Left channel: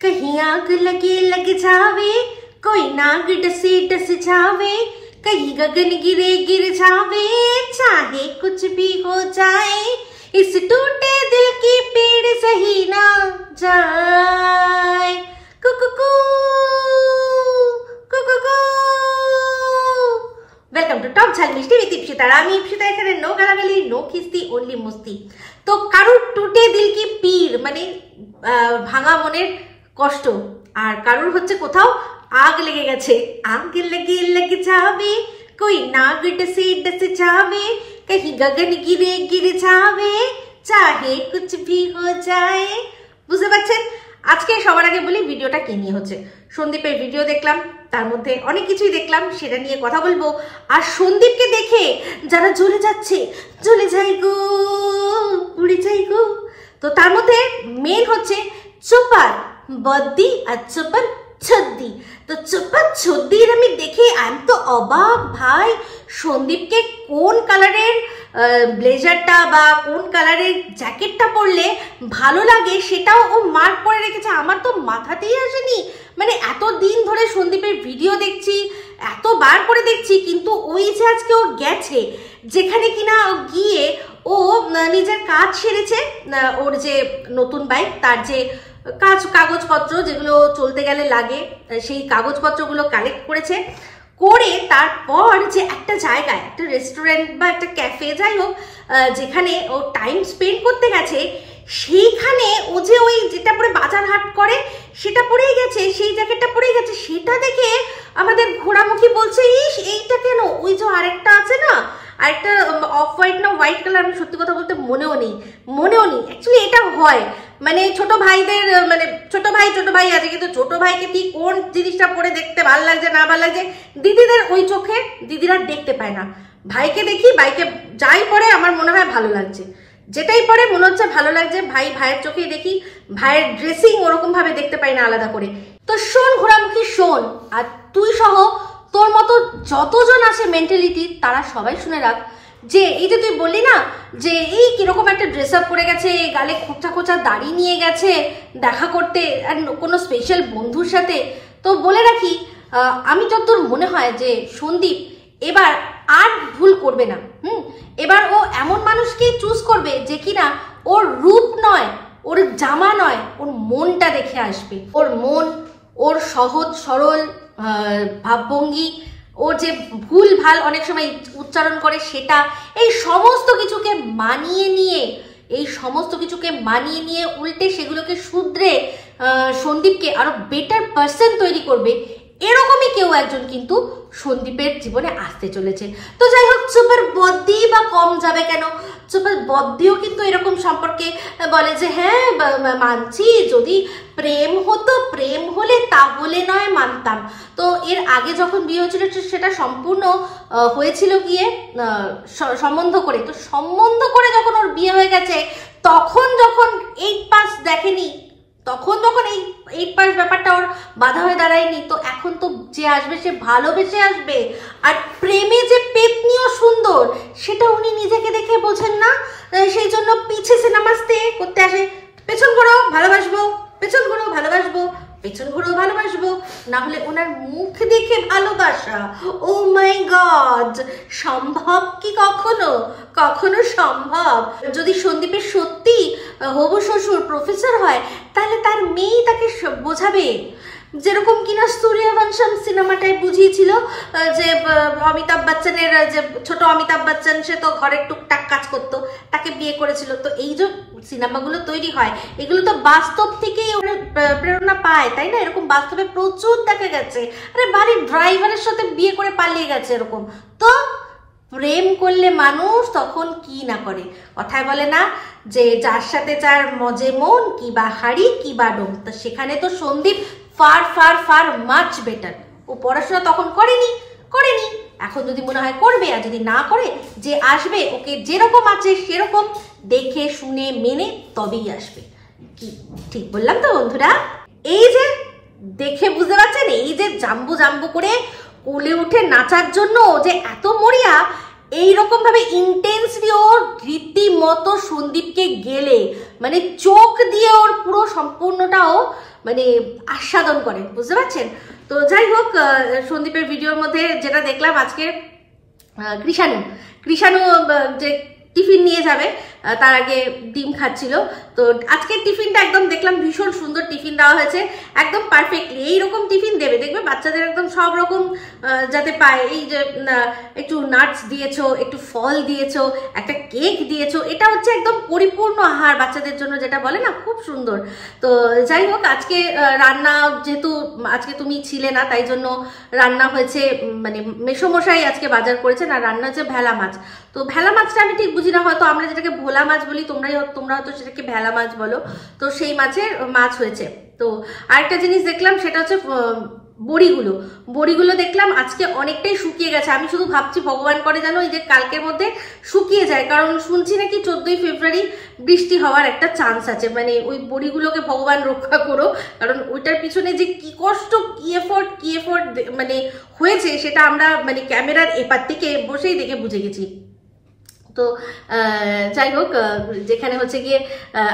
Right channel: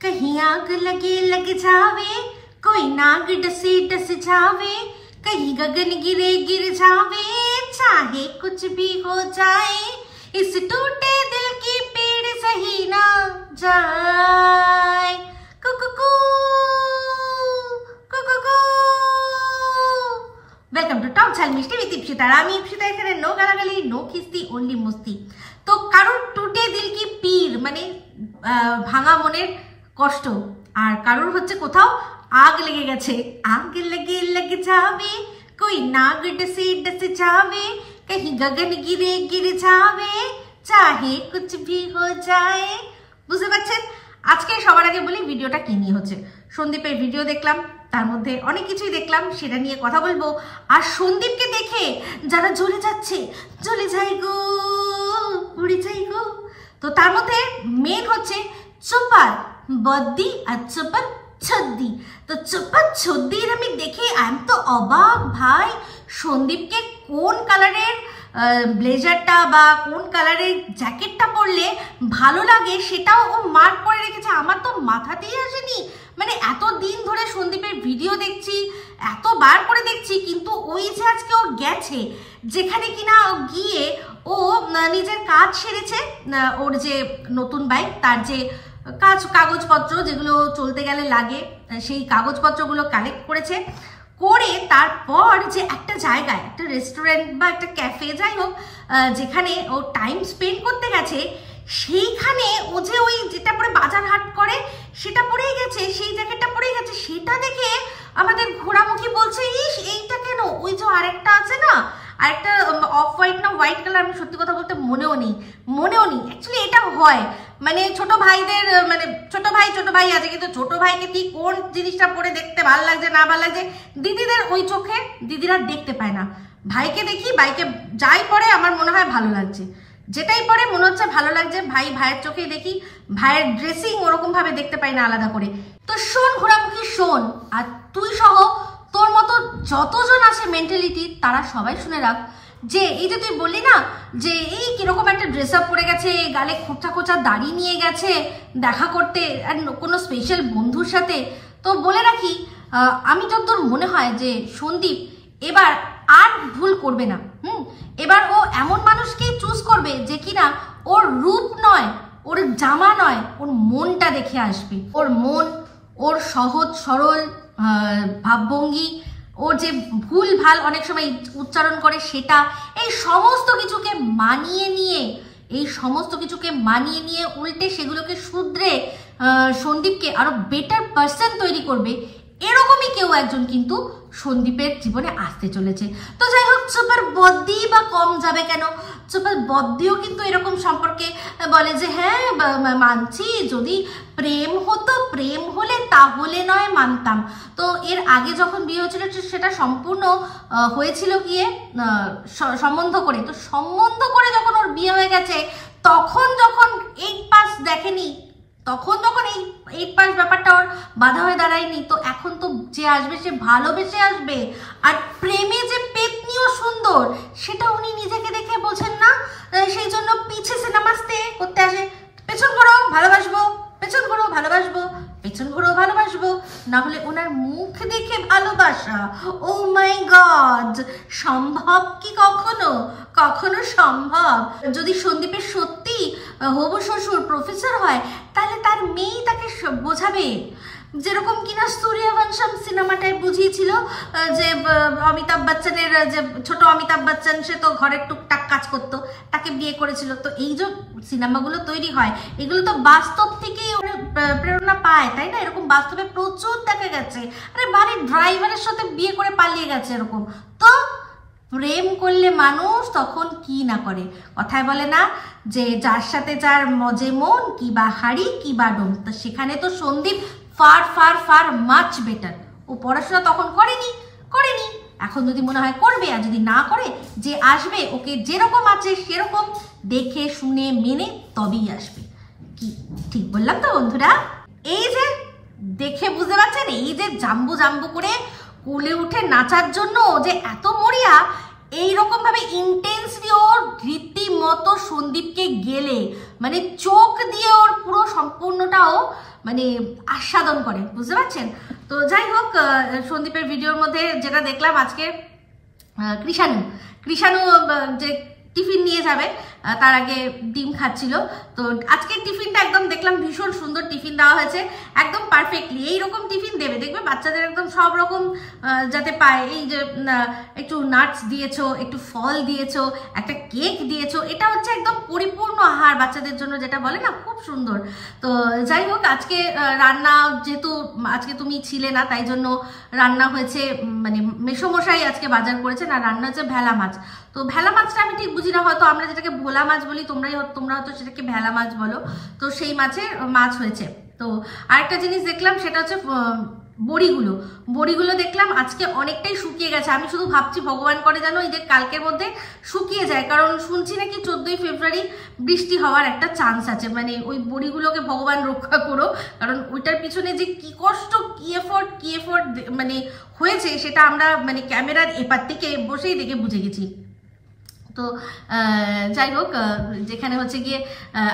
कहीं आग लगे लग जावे, कोई नाग डसे डस जावे, कहीं गगन गिरे गिर जावे, चाहे कुछ भी हो जाए, इस टूटे दिल की पीड़ सही ना जाए। कुकुकू कुकुकू। वेलकम टू टॉप झाल मिष्टी विद इप्सिता। আমি ইপসিতা, এখানে নো গালাগালি, নো কিস্তি, অনলি মস্তি। তো কারুর টুটে দিল কি পীর মানে ভাঙা মনের কষ্ট, আর কারুর হচ্ছে কোথাও आग लेगे गए, आग लगे लग जावे, कोई नाग डसे डस जावे, कहीं गगन गिरे गिर जावे, चाहे कुछ भी हो जाए। বুঝতে পারছেন? আজকে সবার আগে বলি ভিডিওটা কি নিয়ে হচ্ছে। সন্দীপের ভিডিও দেখলাম, তার মধ্যে অনেক কিছুই দেখলাম, সেটা নিয়ে কথা বলবো। আর সন্দীপকে দেখে যারা জ্বলে যাচ্ছে, জ্বলে যাই গো, উড়ে যাই গো, তো তার মধ্যে মেন হচ্ছে চোপার বদ্দি আর চোপার ছদ্দি। তো চোপার ছদ্দির আমি দেখে আমি তো অবাক ভাই, সন্দীপকে কোন কালারের ব্লেজারটা বা কোন কালারের জ্যাকেটটা পরলে ভালো লাগে সেটাও ও মার্ক করে রেখেছে। আমার তো মাথাতেই আসেনি, মানে এত দিন ধরে সন্দীপের ভিডিও দেখছি, এতবার করে দেখছি, কিন্তু ওই যে আজকে ও গেছে যেখানে কিনা গিয়ে ও নিজের কাজ সেরেছে, ওর যে নতুন বাইক তার যে কাগজপত্র যেগুলো চলতে গেলে লাগে সেই কাগজপত্রগুলো কালেক্ট করেছে, করে তারপর যে একটা জায়গায় একটা রেস্টুরেন্ট বা একটা ক্যাফে যাই হোক যেখানে ও টাইম স্পেন্ড করতে গেছে, সেইখানে ও যে ওই যেটা পরে বাজার হাট করে সেটা পরেই গেছে, সেই জ্যাকেটটা পরেই গেছে, সেটা দেখে আমাদের ঘোড়ামুখী বলছে ইস এইটা কেন, ওই যে আরেকটা আছে না, আরেকটা অফ হোয়াইট না হোয়াইট কালার, আমি সত্যি কথা বলতে মনেও নেই অ্যাকচুয়ালি এটা হয় মানে ছোট ভাইদের, মানে ছোট ভাই আছে, কিন্তু ছোট ভাইকে তুই কোন জিনিসটা পরে দেখতে ভালো লাগছে না ভালো লাগছে, দিদিদের ওই চোখে দিদিরা দেখতে পায় না। ভাইকে দেখি, ভাইকে যাই পরে আমার মনে হয় ভালো লাগছে, যেটাই পরে মনে হচ্ছে ভালো লাগছে, ভাইয়ের চোখেই দেখি, ভাইয়ের ড্রেসিং ওরকম ভাবে দেখতে পাই না আলাদা করে। তো শোন ঘোড়ামুখী শোন, আর তুই সহ তোর মতো যতজন আসে মেন্টালিটি তারা সবাই শুনে রাখ, যে এই যে তুই বললি না যে এই কিরকম একটা ড্রেস আপ করে গেছে, গালে খোঁচা খোঁচা দাড়ি নিয়ে গেছে দেখা করতে আর কোনো স্পেশাল বন্ধুর সাথে, তো বলে রাখি আমি যতদূর মনে হয় যে সন্দীপ এবার আর ভুল করবে না। এবার ও এমন মানুষকেই চুজ করবে যে কিনা ওর রূপ নয়, ওর জামা নয়, ওর মনটা দেখে আসবে, ওর মন, ওর সহজ সরল ভাবভঙ্গি, ওর যে ভুল ভাল অনেক সময় উচ্চারণ করে সেটা, এই সমস্ত কিছুকে মানিয়ে নিয়ে উল্টে সেগুলোকে শুধরে সন্দীপকে আরো বেটার পার্সন তৈরি করবে, এরকমই কেউ একজন কিন্তু সন্দীপের জীবনে আসতে চলেছে। তো যাই হোক, চোপার বদ্দি বা কম যাবে কেন, চোপার বদ্দিও কিন্তু এরকম সম্পর্কে বলে যে হ্যাঁ মানছি, যদি প্রেম হতো, প্রেম হলে তাহলে নয় মানতাম। তো এর আগে যখন বিয়ে হয়েছিল সেটা সম্পূর্ণ হয়েছিল গিয়ে সম্বন্ধ করে, তো সম্বন্ধ করে যখন ওর বিয়ে হয়ে গেছে তখন যখন 8 পাস দেখেনি, তখন যখন এই 8 পাস ব্যাপারটা ওর বাধা হয়ে দাঁড়ায়নি, তো এখন তো যে আসবে সে ভালোবেসে আসবে। আর প্রেমে যে পেতনিও সুন্দর সেটা উনি নিজেকে দেখে বোঝেন না, সেই জন্য পিছে সিনেমাস্তে করতে আসে, পেছন ঘোরো ভালোবাসবো, পেছন ঘোরো ভালোবাসবো, পেছন ঘোরো ভালোবাসবো, না হলে ওনার মুখ দেখে ভালোবাসা। ও মাই গড, সম্ভব কি কখনো সম্ভব? যদি সন্দীপের সত্যি হবু শ্বশুর প্রফেসর হয় তাহলে তার মেয়েই তাকে বোঝাবে, যেরকম কিনা সূর্যবংশম সিনেমাটায় বুঝিয়েছিল যে অমিতাভ বচ্চনের যে ছোট অমিতাভ বচ্চন, সে তো ঘরের টুকটাক কাজ করতো, তাকে বিয়ে করেছিল। তো এই যে সিনেমাগুলো তৈরি হয় এগুলো তো বাস্তব থেকেই প্রেরণা পায়, তাই না? এরকম বাস্তবে প্রচুর দেখা গেছে, আরে বাড়ির ড্রাইভারের সাথে বিয়ে করে পালিয়ে গেছে এরকম। তো প্রেম করলে মানুষ তখন কি না করে, কথায় বলে না যে যার সাথে যার মজে মন, কি বা হাড়ি কি বা ডোম। তো সেখানে তো Sandeep far far far much better. ও পড়াশোনা তখন করেনি, এখন যদি মনে হয় করবে, আর যদি না করে যে আসবে ওকে যেরকম আছে সেরকম দেখে শুনে মেনে তবেই আসবে। কি ঠিক বললাম তো বন্ধুরা? এই যে দেখে বুঝতে পারছেন, এই যে জাম্বু করে কোলে উঠে নাচার জন্য যে এত মরিয়া, এইরকম ভাবে ইন্টেন্সলি ওর রীতিমতো সন্দীপকে গেলে মানে চোখ দিয়ে ওর পুরো সম্পূর্ণটাও মানে আস্বাদন করে, বুঝতে পারছেন? তো যাই হোক, সন্দীপের ভিডিওর মধ্যে যেটা দেখলাম আজকে, কৃষাণু যে টিফিন নিয়ে যাবে তার আগে ডিম খাচ্ছিল। তো আজকের টিফিনটা একদম দেখলাম ভীষণ সুন্দর টিফিন দেওয়া হয়েছে, একদম পারফেক্টলি এইরকম টিফিন দেবে, দেখবে বাচ্চাদের একদম সব রকম যাতে পায়। এই যে একটু নাটস দিয়েছো, একটু ফল দিয়েছো, একটা কেক দিয়েছো, এটা হচ্ছে একদম পরিপূর্ণ আহার বাচ্চাদের জন্য, যেটা বলে না, খুব সুন্দর। তো যাই হোক, আজকে রান্না যেহেতু আজকে তুমি ছিলে না, তাই জন্য রান্না হয়েছে, মানে মেসোমশাই আজকে বাজার করেছেন, আর রান্না হচ্ছে ভেলা মাছ। তো ভেলা মাছটা আমি ঠিক বুঝি না, হয়তো আমরা যেটাকে ভোলা মাছ বলি, তোমরা হয়তো সেটাকে ভেলা মাছ বলো। তো সেই মাছ হয়েছে। তো আরেকটা জিনিস দেখলাম, সেটা হচ্ছে বড়িগুলো দেখলাম আজকে অনেকটাই শুকিয়ে গেছে। আমি শুধু ভাবছি ভগবান করে যেন এই যে কালকের মধ্যে শুকিয়ে যায়, কারণ শুনছি নাকি 14ই ফেব্রুয়ারি বৃষ্টি হওয়ার একটা চান্স আছে। মানে ওই বড়িগুলোকে ভগবান রক্ষা করো, কারণ ওইটার পিছনে যে কি কষ্ট, কি এফোর্ট মানে হয়েছে, সেটা আমরা মানে ক্যামেরার এপার থেকে বসেই দেখে বুঝে গেছি। তো যাই হোক, যেখানে হচ্ছে গিয়ে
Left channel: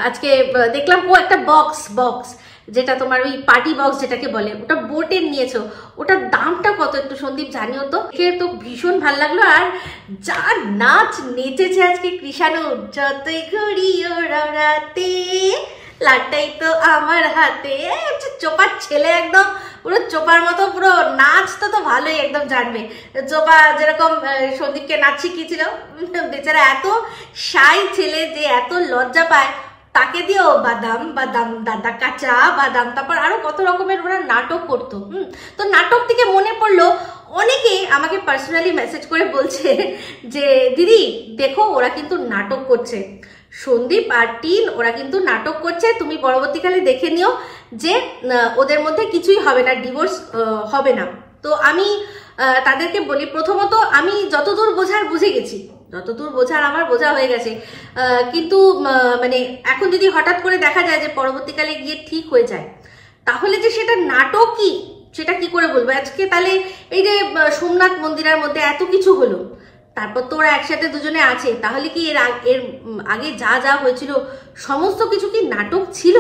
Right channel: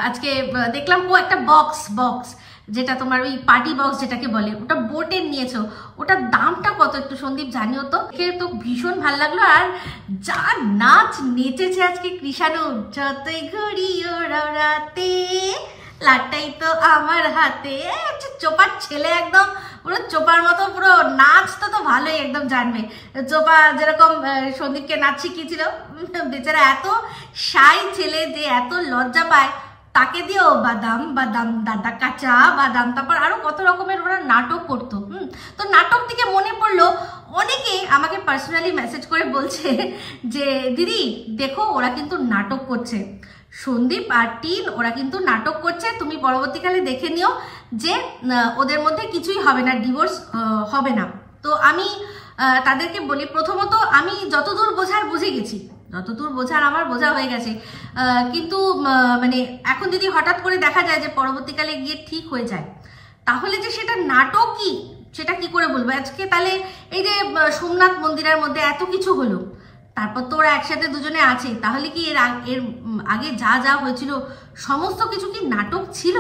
আজকে দেখলাম একটা বক্স যেটা তোমার ওই পার্টি বক্স যেটাকে বলে, ওটা বোটের নিয়েছো, ওটার দামটা কত একটু সন্দীপ জানিও তো। তো ভীষণ ভালো লাগলো। আর যা নাচ নেচেছে আজকে কৃষাণু, যতই ঘুরি ওরাতে লাটাই তো আমার হাতে, চোপার ছেলে একদম পুরো চোপার মতো, পুরো নাচটা তো ভালোই একদম জানবে। চোপা যেরকম সন্দীপকে নাচ শিখিয়েছিল, বেচারা এত শাই ছেলে যে এত লজ্জা পায়, তাকে দিয়েও বাদাম দাদা কাঁচা বাদাম, তারপর আরো কত রকমের ওরা নাটক করতো। তো নাটক থেকে মনে পড়লো, অনেকে আমাকে পার্সোনালি মেসেজ করে বলছে যে দিদি দেখো ওরা কিন্তু নাটক করছে, সন্দীপ আর টিন ওরা কিন্তু নাটক করছে, তুমি পরবর্তীকালে দেখে নিও যে ওদের মধ্যে কিছুই হবে না, ডিভোর্স হবে না। তো আমি তাদেরকে বলি, প্রথমত আমি যতদূর বোঝার বুঝে গেছি, যতদূর বোঝার আমার বোঝা হয়ে গেছে, কিন্তু মানে এখন যদি হঠাৎ করে দেখা যায় যে পরবর্তীকালে গিয়ে ঠিক হয়ে যায়, তাহলে যে সেটা নাটকই, সেটা কি করে বলবো? আজকে তাহলে এই যে সোমনাথ মন্দিরের মধ্যে এত কিছু হলো, তারপর তো ওরা একসাথে দুজনে আছে, তাহলে কি এর আগে যা হয়েছিল সমস্ত কিছু কি নাটক ছিল?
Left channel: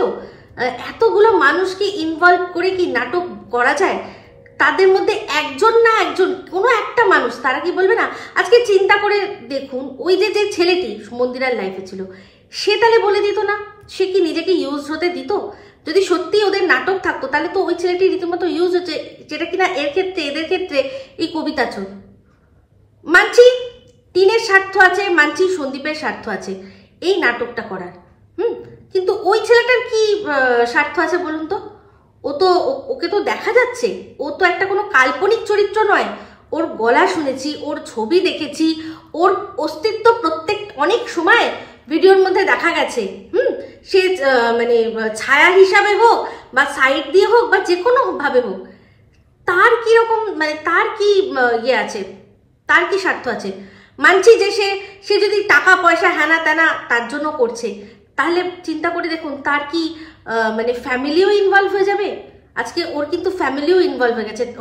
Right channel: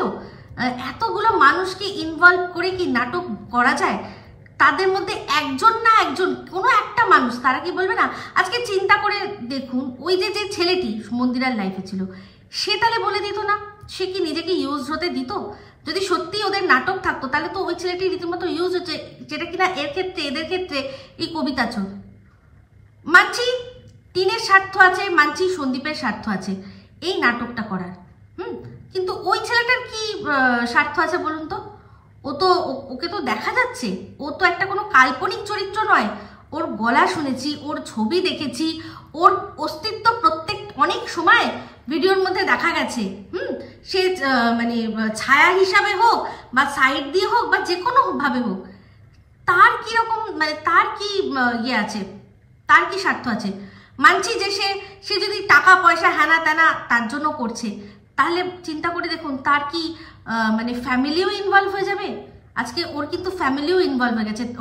এতগুলো মানুষকে ইনভলভ করে কি নাটক করা যায়? তাদের মধ্যে একজন না একজন, কোনো একটা মানুষ, তারা কি বলবে না? আজকে চিন্তা করে দেখুন, ওই যে ছেলেটি মন্দিরার লাইফে ছিল, সে তাহলে বলে দিত না? সে কি নিজেকে ইউজ হতে দিত? যদি সত্যি ওদের নাটক থাকতো, তাহলে তো ওই ছেলেটি রীতিমতো ইউজ হচ্ছে, যেটা কিনা এদের ক্ষেত্রে এই কবিতা চোর। মানছি টিনের স্বার্থ আছে, মানছি সন্দীপের স্বার্থ আছে এই নাটকটা করার, কিন্তু ওই ছেলেটার কি স্বার্থ আছে বলুন তো? ওকে তো দেখা যাচ্ছে, ও তো একটা কোনো কাল্পনিক চরিত্র নয়। ওর গলা শুনেছি, ওর ছবি দেখেছি, ওর অস্তিত্ব অনেক সময় ভিডিওর মধ্যে দেখা গেছে। সে মানে ছায়া হিসাবে হোক বা সাইড দিয়ে হোক বা যে কোনো ভাবে হোক, তার কি রকম, মানে তার কি ইয়ে আছে, তার কি স্বার্থ আছে? মানছি যে সে যদি টাকা পয়সা হ্যানা ত্যানা তার জন্য করছে, তাহলে চিন্তা করে দেখুন তার কি মানে ফ্যামিলিও ইনভলভ হয়ে যাবে। আজকে ওর কিন্তু ফ্যামিলিও ইনভলভ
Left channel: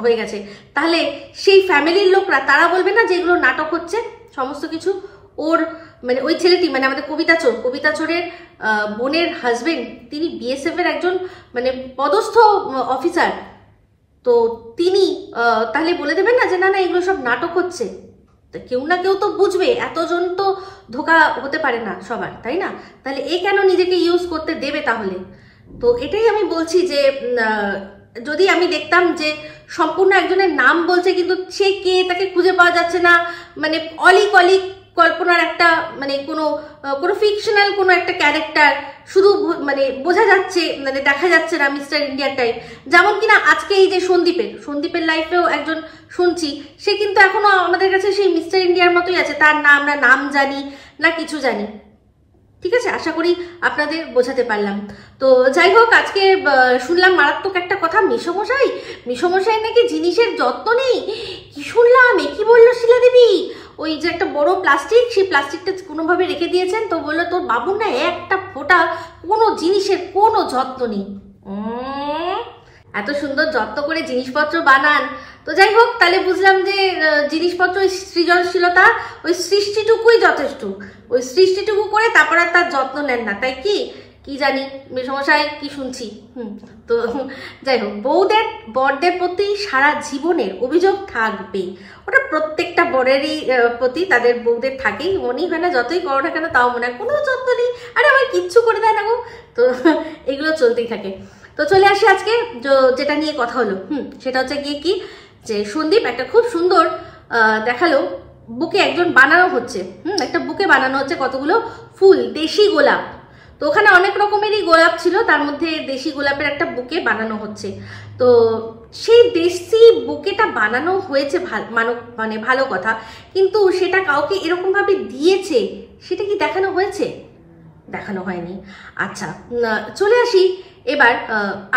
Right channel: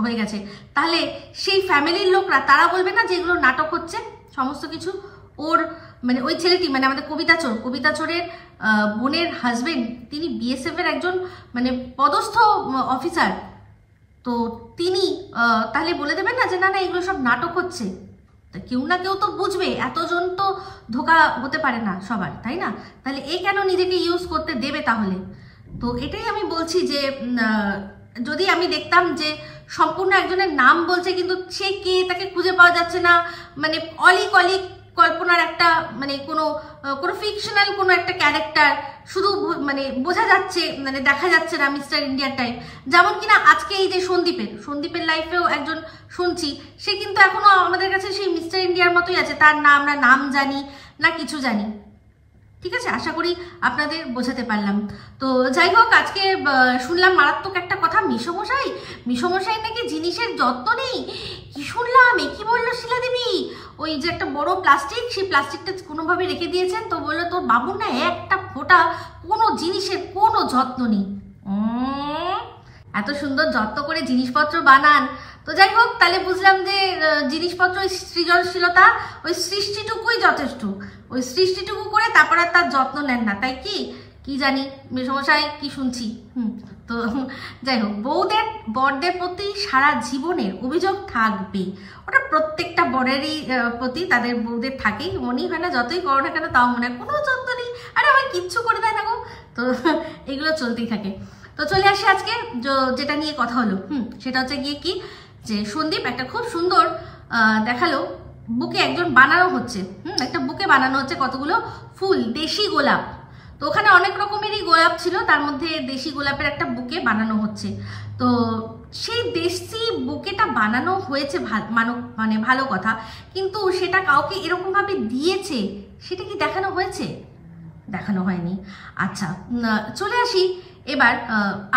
হয়ে গেছে, তাহলে সেই ফ্যামিলির লোকরা তারা বলবে না যে এগুলো নাটক হচ্ছে সমস্ত কিছু? ওর মানে ওই ছেলেটি, মানে আমাদের কবিতা চোরের বোনের হাজবেন্ড, তিনি বিএসএফ এর একজন মানে পদস্থ অফিসার। তো তিনি তাহলে বলে দেবেন না যে না এগুলো সব নাটক হচ্ছে? কেউ না কেউ তো বুঝবে, এতজন তো ধোকা হতে পারে না সবার, তাই না? তাহলে এ কেন নিজেকে ইউজ করতে দেবে তাহলে? তো এটাই আমি বলছি যে যদি আমি দেখতাম যে সম্পূর্ণ একজনের নাম বলছে কিন্তু সে কে তাকে খুঁজে পাওয়া যাচ্ছে না, মানে অলিক কল্পনার একটা মানে কোনো ফিকশনাল কোনো একটা ক্যারেক্টার, শুধু মানে বোঝা যাচ্ছে, মানে দেখা যাচ্ছে না মিস্টার ইন্ডিয়ার টাইপ। যেমন কিনা আজকে এই যে সন্দীপের লাইফেও একজন শুনছি, সে কিন্তু এখনো আমাদের কাছে সেই মিস্টার ইন্ডিয়ার মতোই আছে, তার নাম না নাম জানি না কিছু জানি। ঠিক আছে, আশা করি আপনাদের বোঝাতে পারলাম। তো যাই হোক, আজকে শুনলাম মারাত্মক একটা কথা, মিশমশাই নাকি জিনিসের যত্ন নেই। কি শুনলাম, কি বললো শিলা দেবী? ওই যে একটা বড় প্লাস্টিক, সেই প্লাস্টিকটা কোনোভাবে রেখে দিয়েছেন, তো বললো তোর বাবুর না একটা ফোঁটা কোনো জিনিসের কোনো যত্ন নেই। এত সুন্দর যত্ন করে জিনিসপত্র বানান। তো যাই হোক, তাহলে বুঝলাম যে জিনিসপত্র সৃজনশীলতা ওই সৃষ্টিটুকুই যথেষ্ট, ওই সৃষ্টিটুকু করে তারপর আর তার যত্ন নেন না, তাই কি? কি জানি মেসমশাই কি শুনছি। তো যাই হোক, বউদের বরদের প্রতি সারা জীবনের অভিযোগ থাকবেই, ওটা প্রত্যেকটা বরেরই প্রতি তাদের বউদের থাকেই, মনেই হয় না যতই করো না কেন তাও মনে হয় কোনো যত্ন নেই, আরে আমার কিচ্ছু করে দেয় না গো। তো এগুলো চলতেই থাকে। তো চলে আসি আজকে যেটা নিয়ে কথা হলো, সেটা হচ্ছে গিয়ে কি, যে সন্দীপ একটা খুব সুন্দর দেখালো বুকে একজন বানানো হচ্ছে, একটা বুকে বানানো হচ্ছে কতগুলো ফুল, দেশি গোলাপ। তো ওখানে অনেক রকমেরই গোলাপ ছিল, তার মধ্যে দেশি গোলাপের একটা বুকে বানানো হচ্ছে। তো সেই দেশি বুকেটা বানানো হয়েছে মানে ভালো কথা, কিন্তু সেটা কাউকে এরকম ভাবে দিয়েছে সেটা কি দেখানো হয়েছে? দেখানো হয়নি। আচ্ছা, চলে আসি এবার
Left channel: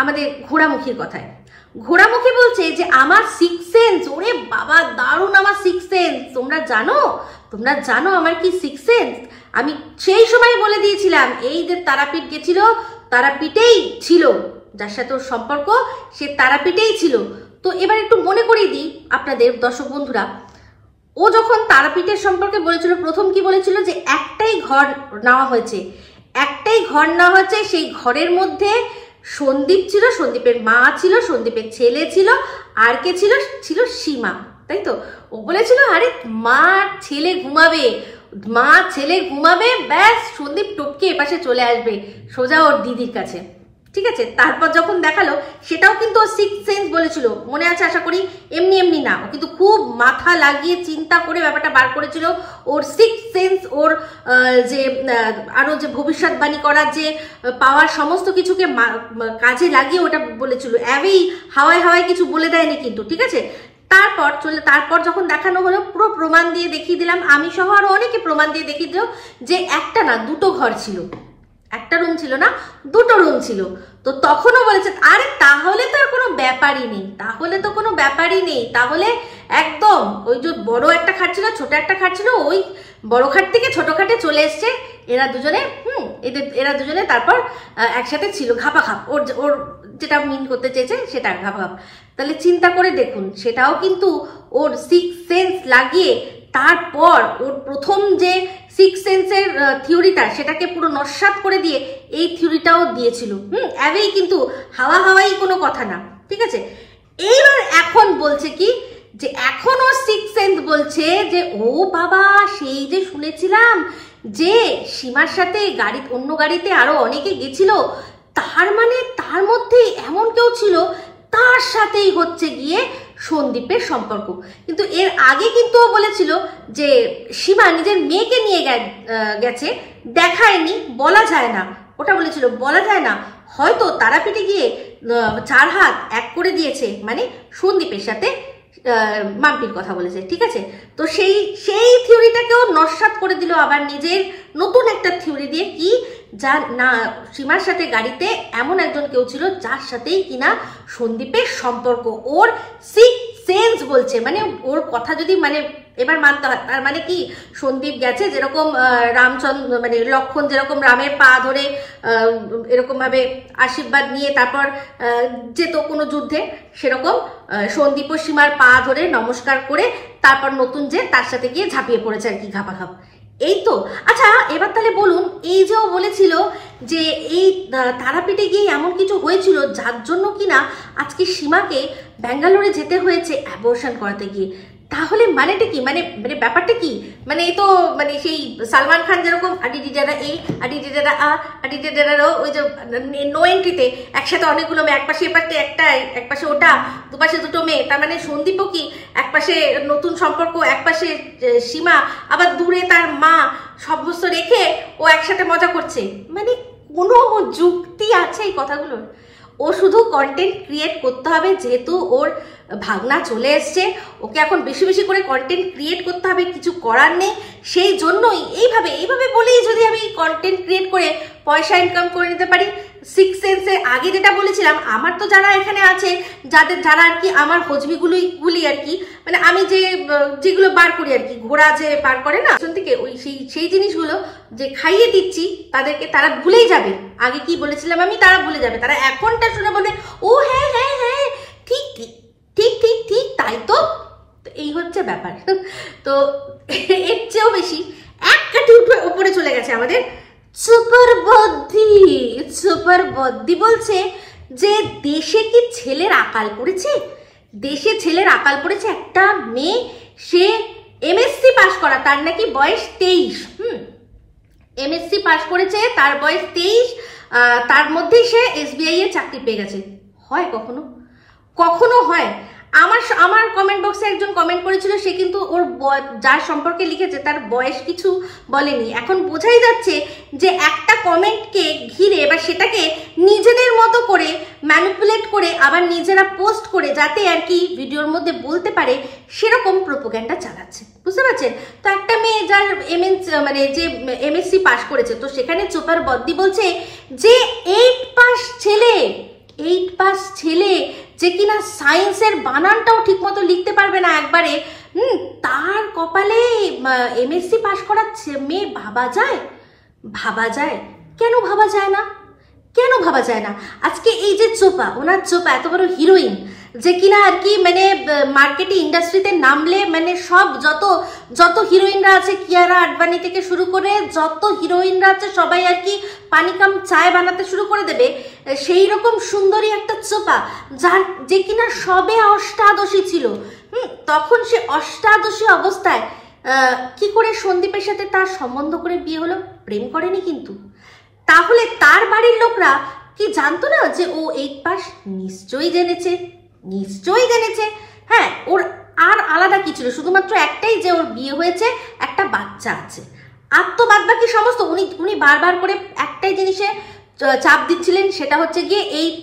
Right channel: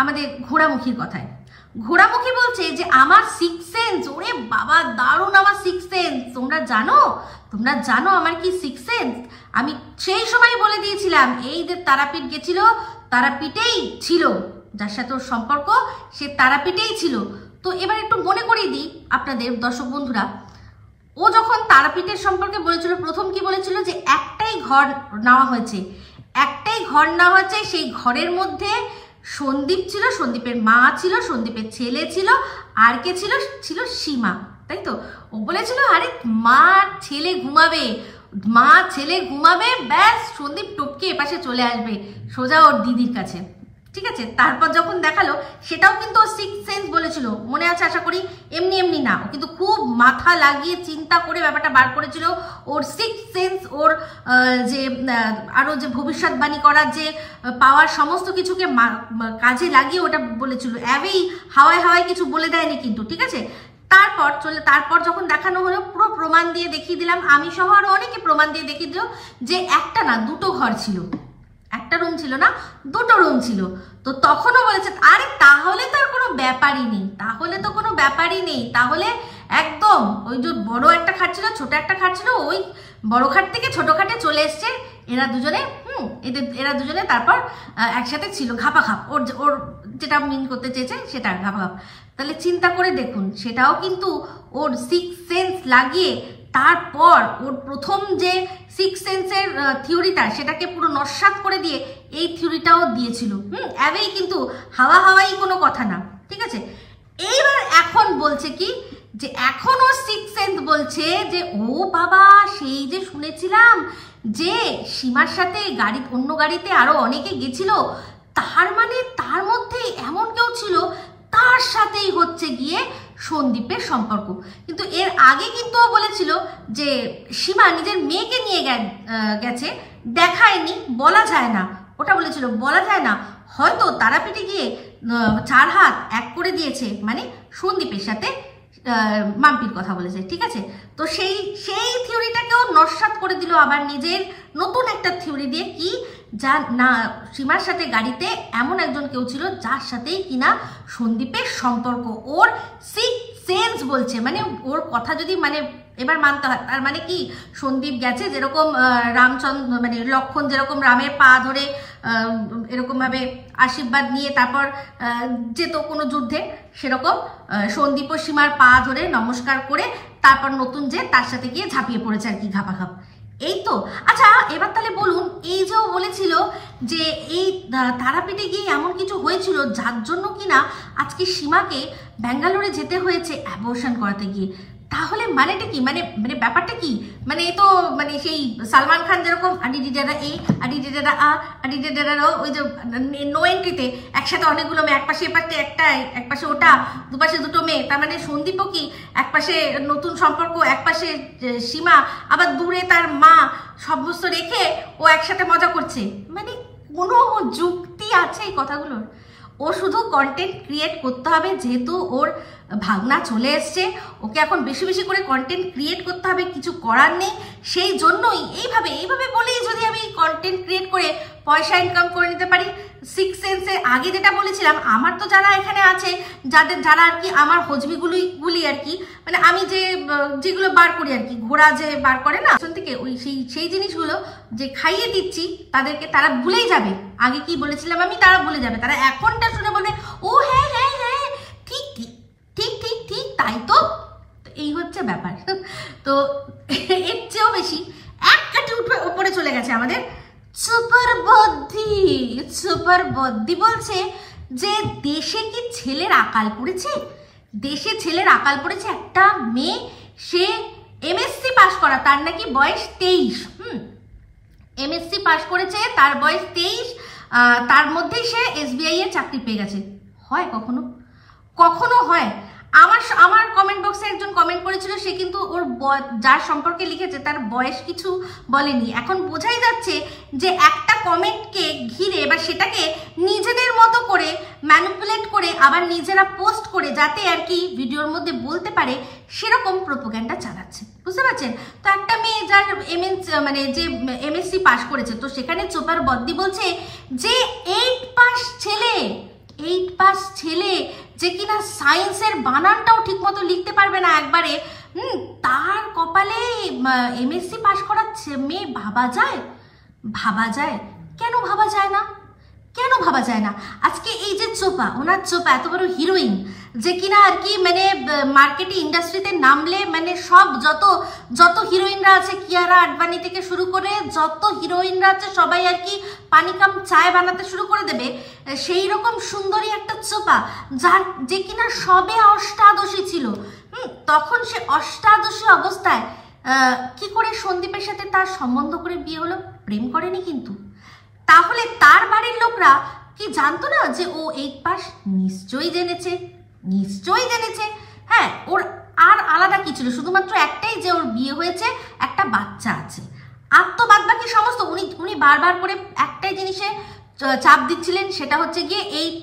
আমাদের ঘোড়ামুখীর কথায়। ঘোড়ামুখী বলছে যে আমার সিক্স সেন্স, ওরে বাবা দারুণ আমার সিক্স সেন্স। তোমরা জানো আমার কি সিক্স সেন্স? আমি সেই সময় বলে দিয়েছিলাম, এই যে তারাপীঠ গেছিল, তারাপীঠেই ছিল, যার সাথে ওর সম্পর্ক সে তারাপীঠেই ছিল। তো এবার একটু মনে করিয়ে দিই আপনাদের দর্শক বন্ধুরা, ও যখন তারাপীঠের সম্পর্কে বলেছিল, প্রথম কি বলেছিল, যে একটাই ঘর নেওয়া হয়েছে, সেই ঘরের মধ্যে সন্দীপ ছিল, সন্দীপের মা ছিল, সন্দীপের ছেলে ছিল, আর কে ছিল? ছিল সীমা, তাই তো? ও বলেছিল আরে মা ছেলে ঘুমাবে, ব্যাস সন্দীপ টপকে এপাশে চলে আসবে সোজা ওর দিদির কাছে, ঠিক আছে? তারপর যখন দেখালো, সেটাও কিন্তু ও সিক্স সেন্স বলেছিল, মনে আছে আশা করি? এমনি না, ও কিন্তু খুব মাথা লাগিয়ে চিন্তা করে ব্যাপারটা বার করেছিল। ওর সিক্স সেন্স, ওর যে আরো যে ভবিষ্যৎবাণী করার যে পাওয়ার, সমস্ত কিছুকে কাজে লাগিয়ে ওটা বলেছিল, অ্যাবেই হাওয়ায় কিছু বলে দেয়নি কিন্তু, ঠিক আছে? তারপর যখন দেখানো হলো, পুরো প্রমাণ দিয়ে দেখিয়ে দিলাম, আমি সহ আরো অনেকে প্রমাণ দিয়ে দেখিয়ে দিল যে একটা না দুটো ঘর ছিল, একটা রুম ছিল না, দুটো রুম ছিল। তো তখনও বলেছে আরে তাহলে তো আর কোনো ব্যাপারই নেই, তাহলে একদম ওই যে বড় একটা খাট ছিল, ছোট একটা খাট ছিল, ওই বড় খাট থেকে ছোট খাটে চলে এসছে এরা দুজনে, তারপর একসাথে ছিল, ঘাপাঘাপ, ওর যেটা মিন করতে চেয়েছে সেটা ঘাপাঘাপ। তাহলে চিন্তা করে দেখুন, সেটাও কিন্তু ওর সিক্স সেন্স লাগিয়ে, তারপর ওর প্রথম যে সিক্স সেন্সের থিওরিটা, সেটাকে পুরো নস্যাৎ করে দিয়ে এই থিওরিটাও দিয়েছিল। অ্যাবেই কিন্তু হাওয়াই কোনো কথা না, ঠিক আছে? এইবার এখন বলছে কি, যে এখন ওর সিক্স সেন্স বলছে যে ও বাবা, সেই যে শুনেছিলাম যে সীমার সাথে অন্য গাড়িতে আরো অনেকে গেছিল, তার মানে তার মধ্যে এমন কেউ ছিল, তার সাথেই হচ্ছে গিয়ে সন্দীপের সম্পর্ক। কিন্তু এর আগে কিন্তু ও বলেছিল যে সীমা নিজের মেয়েকে নিয়ে গেছে, দেখায়নি, বলা যায় না, ওটা বলেছিল বলা যায় না, হয়তো তারাপীঠে গিয়ে 4 হাত এক করে দিয়েছে, মানে সন্দীপের সাথে মাম্পির কথা বলেছে, ঠিক আছে? তো সেই থিওরিটাকেও নস্যাৎ করে দিল আবার নিজের নতুন একটা থিওরি দিয়ে, কি, যা না সীমার সাথে গাড়িতে এমন একজন কেউ ছিল যার সাথেই কিনা সন্দীপের সম্পর্ক। ওর সিক্স সেন্স বলছে, মানে ওর কথা যদি মানে এবার মানতে হয়, তার মানে কি, সন্দীপ গেছে যেরকম রামচন্দ্র মানে লক্ষণ যেরকম রামের পা ধরে এরকম ভাবে আশীর্বাদ নিয়ে তারপর যেত কোনো যুদ্ধে, সেরকম সন্দীপ ও সীমার পা ধরে নমস্কার করে তারপর নতুন যে তার সাথে গিয়ে ঝাঁপিয়ে পড়েছে আর কি, ঘাপাঘাপ। এই তো। আচ্ছা, এবার তাহলে বলুন, এই যে ও বলেছিল যে এই তারাপীঠে গিয়ে এমন কিছু হয়েছিল যার জন্য কিনা আজকে সীমাকে ব্যাঙ্গালোরে যেতে হয়েছে অ্যাবর্শন করাতে গিয়ে, তাহলে মানেটা কি, মানে ব্যাপারটা কি? মানে এই তো মানে সেই সালমান খান যেরকম আডিডিডারা এ আডিডিডারা আ আডিডিডারা ওই যে নো এন্ট্রিতে একসাথে অনেকগুলো মেয়ে, একপাশে এপাশে একটা, একপাশে ওটা, দুপাশে দুটো মেয়ে, তার মানে সন্দীপও কি একপাশে নতুন সম্পর্ক, একপাশে সীমা, আবার দূরে তার মা, সমস্ত রেখে ও একসাথে মজা করছে, মানে কোনো যুক্তি আছে এই কথাগুলোর? ও শুধু কন্টেন্ট ক্রিয়েট করতে হবে, যেহেতু ওর ভাগনা চলে এসছে, ওকে এখন বেশি বেশি করে কন্টেন্ট ক্রিয়েট করতে হবে, কিছু করার নেই, সেই জন্যই এইভাবে বলেই যদি আমি কন্টেন্ট ক্রিয়েট করে পয়সা ইনকাম করে নিতে পারি। সিক্স সেন্সের আগে যেটা বলেছিলাম, আমার তো যারা এখানে আছে, যারা আর কি আমার হজবিগুলি আর কি, মানে আমি যেগুলো বার করি আর কি, ঘোড়া যে বার করে না থেকে, ওই সেই জিনিসগুলো যে খাইয়ে দিচ্ছি তাদেরকে, তারা ভুলেই যাবে আগে কি বলেছিলাম আমি, তারা ভুলে যাবে, তারা এখনটা শুনে বলবে ও হ্যাঁ হ্যাঁ হ্যাঁ ঠিক ঠিক ঠিক ঠিক ঠিক তাই তো। এই হচ্ছে ব্যাপার। তো এর চেয়েও বেশি এক কাটি উঠে উপরে চলে গেছে আমাদের সুপার বুদ্ধি, বদ্দি বলছে যে দেশে কি ছেলের আকাল পড়েছে, দেশে ছেলের আকাল পড়েছে। একটা মেয়ে, সে এমএসসি পাস করা, তার নাকি বয়স 23। এমএসসি পাস করেছে, তার বয়স 23, তার মধ্যেই সে এসবিআই এর চাকরি পেয়ে গেছে। হয় কখনো? কখনো হয়? আমার কমেন্ট বক্সে একজন কমেন্ট করেছিল, সে কিন্তু ওর যার সম্পর্কে লিখেছে তার বয়স কিছু বলেনি। এখন বোঝাই যাচ্ছে যে একটা কমেন্টকে ঘিরে বা সেটাকে নিজেদের মতো করে ম্যানিপুলেট করে আবার নিজেরা পোস্ট করে যাতে আর কি ভিডিওর মধ্যে বলতে পারে, সেরকম প্রোপাগান্ডা চালাচ্ছে। বুঝতে পারছেন? তো একটা মেয়ে যার যে এমএসসি পাস করেছে, তো সেখানে চোপার বদ্দি বলছে যে 8 পাস ছেলে যে কিনা সায়েন্সের বানানটাও ঠিক মতো লিখতে পারবে না একবারে, তার কপালে এমএসসি পাস করা মেয়ে ভাবা যায়? কেন ভাবা যায় না? আজকে এই যে চোপা এত বড় হিরোইন, যে কিনা আর কি মানে মার্কেটে ইন্ডাস্ট্রিতে নামলে মানে সব যত হিরোইনরা আছে, কিয়ারা আডবাণী থেকে শুরু করে যত হিরোইনরা আছে সবাই আর কি পানি কাম চায় বানাতে শুরু করে দেবে, সেই রকম সুন্দরী একটা চোপা, যে কিনা সবে অষ্টাদশী ছিল। তখন সে অষ্টাদশী অবস্থায় কি করে সন্দীপের সাথে তার সম্বন্ধ করে বিয়ে হলো? প্রেম করেনি কিন্তু। তাহলে তার বাড়ির লোকরা কি জানতো না যে ও 8 পাস? নিশ্চয়ই জেনেছে। হ্যাঁ, ওর আর আলাদা কি ছিল? শুধুমাত্র একটাই, যে ওর বিয়ে হয়েছে, একটা বাচ্চা আছে। আর তো বাদ বাকি সমস্ত উনি বারবার করে একটাই জিনিসে চাপ দিচ্ছিলেন, সেটা হচ্ছে গিয়ে 8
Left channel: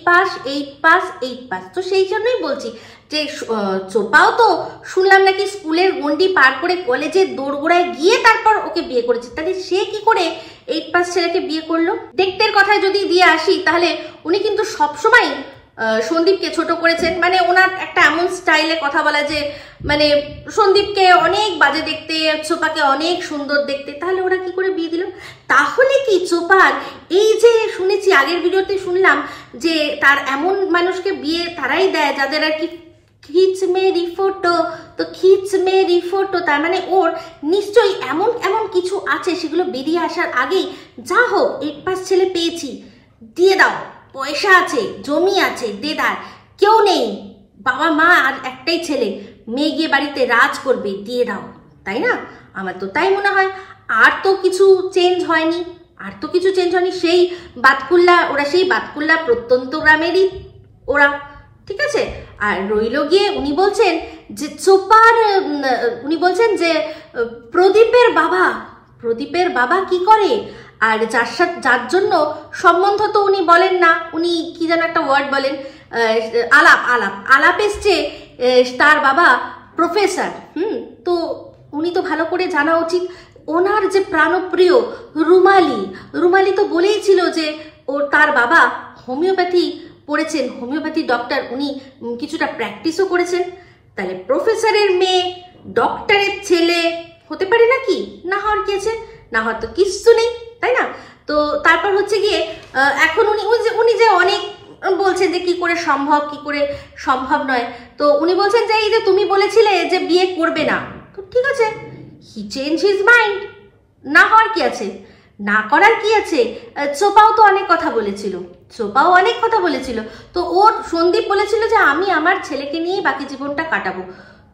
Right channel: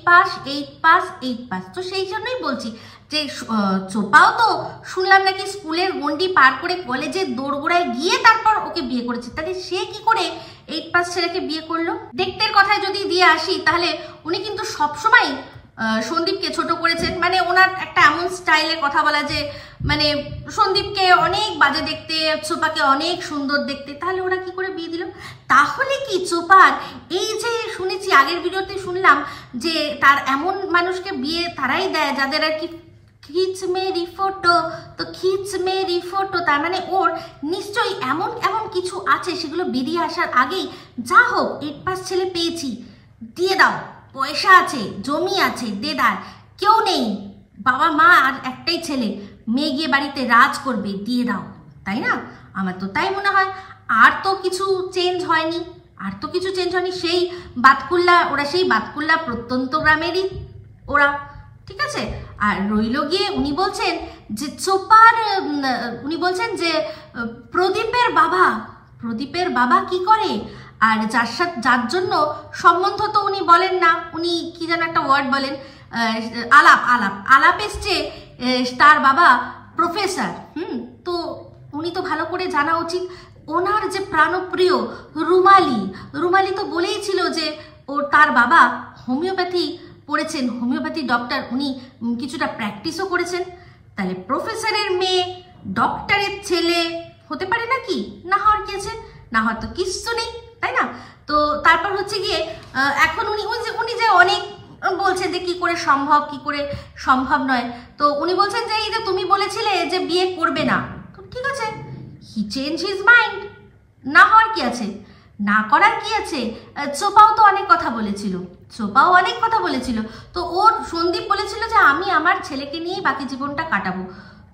পাস। তো সেই জন্যই বলছি যে চোপাও তো শুনলাম নাকি স্কুলের গন্ডি পার করে কলেজের দোরগোড়ায় গিয়ে তারপর ওকে বিয়ে করেছে। তাহলে সে কি করে 8 পাস ছেলেকে বিয়ে করলো? দেখতের কথায় যদি দিয়ে আসি, তাহলে উনি কিন্তু সবসময় সন্দীপকে ছোট করেছেন। মানে ওনার একটা এমন স্টাইলে কথা বলা যে মানে সন্দীপকে অনেক বাজে দেখতে, চোপাকে অনেক সুন্দর দেখতে। তাহলে ওরা কি করে বিয়ে দিল? তাহলে কি চোপার এই যে শুনেছি, আগের ভিডিওতে শুনলাম যে তার এমন মানুষকে বিয়ে তারাই দেয় যাদের আর কি খিচ মেরি ফটো, তার মানে ওর নিশ্চয়ই এমন কিছু আছে, সেগুলো বেরিয়ে আসার আগেই যা হোক 8 পাস ছেলে পেয়েছি, দিয়ে দাও, পয়সা আছে, জমি আছে, দেদার, কেউ নেই, বাবা মা আর একটাই ছেলে, মেয়ে গিয়ে বাড়িতে রাজ করবে, দিয়ে দাও, তাই না? আমার তো তাই মনে হয়। আর তো কিছু চেঞ্জ হয়নি। সেই বাতকুল্লা প্রত্যন্ত গ্রামেরই ওরা, ঠিক আছে। আর রইল গিয়ে উনি বলছেন যে প্রদীপের বাবা কি করে, আর যার জন্য সম্বন্ধ তো উনি বলেন না, উনি কি যেন একটা ওয়ার্ড বলেন, আলাপ এসছে, তার বাবা প্রফেসর। তো উনি তো ভালো করে জানা উচিত। ওনার যে প্রাণপ্রিয় রুমালি তো বলেইছিল যে তার বাবা হোমিওপ্যাথি পড়েছেন, হোমিওপ্যাথি ডক্টর, উনি কিছুটা প্র্যাকটিসও করেছেন। তাহলে প্রফেসরের মেয়ে ডক্টরের ছেলে হতে পারে নাকি? না হওয়ার কি আছে? না হওয়ার তো কিচ্ছু নেই, তাই না? তো তারপর হচ্ছে গিয়ে এখন উনি যে অনেক বলছেন যে কি করে সম্ভব নয়। তো উনি বলছেন যে এই যে তুমি বলেছিলে যে বিয়ে করবে না, তো ঠিক আছে, হি চেঞ্জ হিজ মাইন্ড, না হওয়ার কি আছে, না করার কি আছে? চোপাও তো অনেক কথা বলেছিল। তো ওর সন্দীপ বলেছিল যে আমি আমার ছেলেকে নিয়ে বাকি জীবনটা কাটাবো।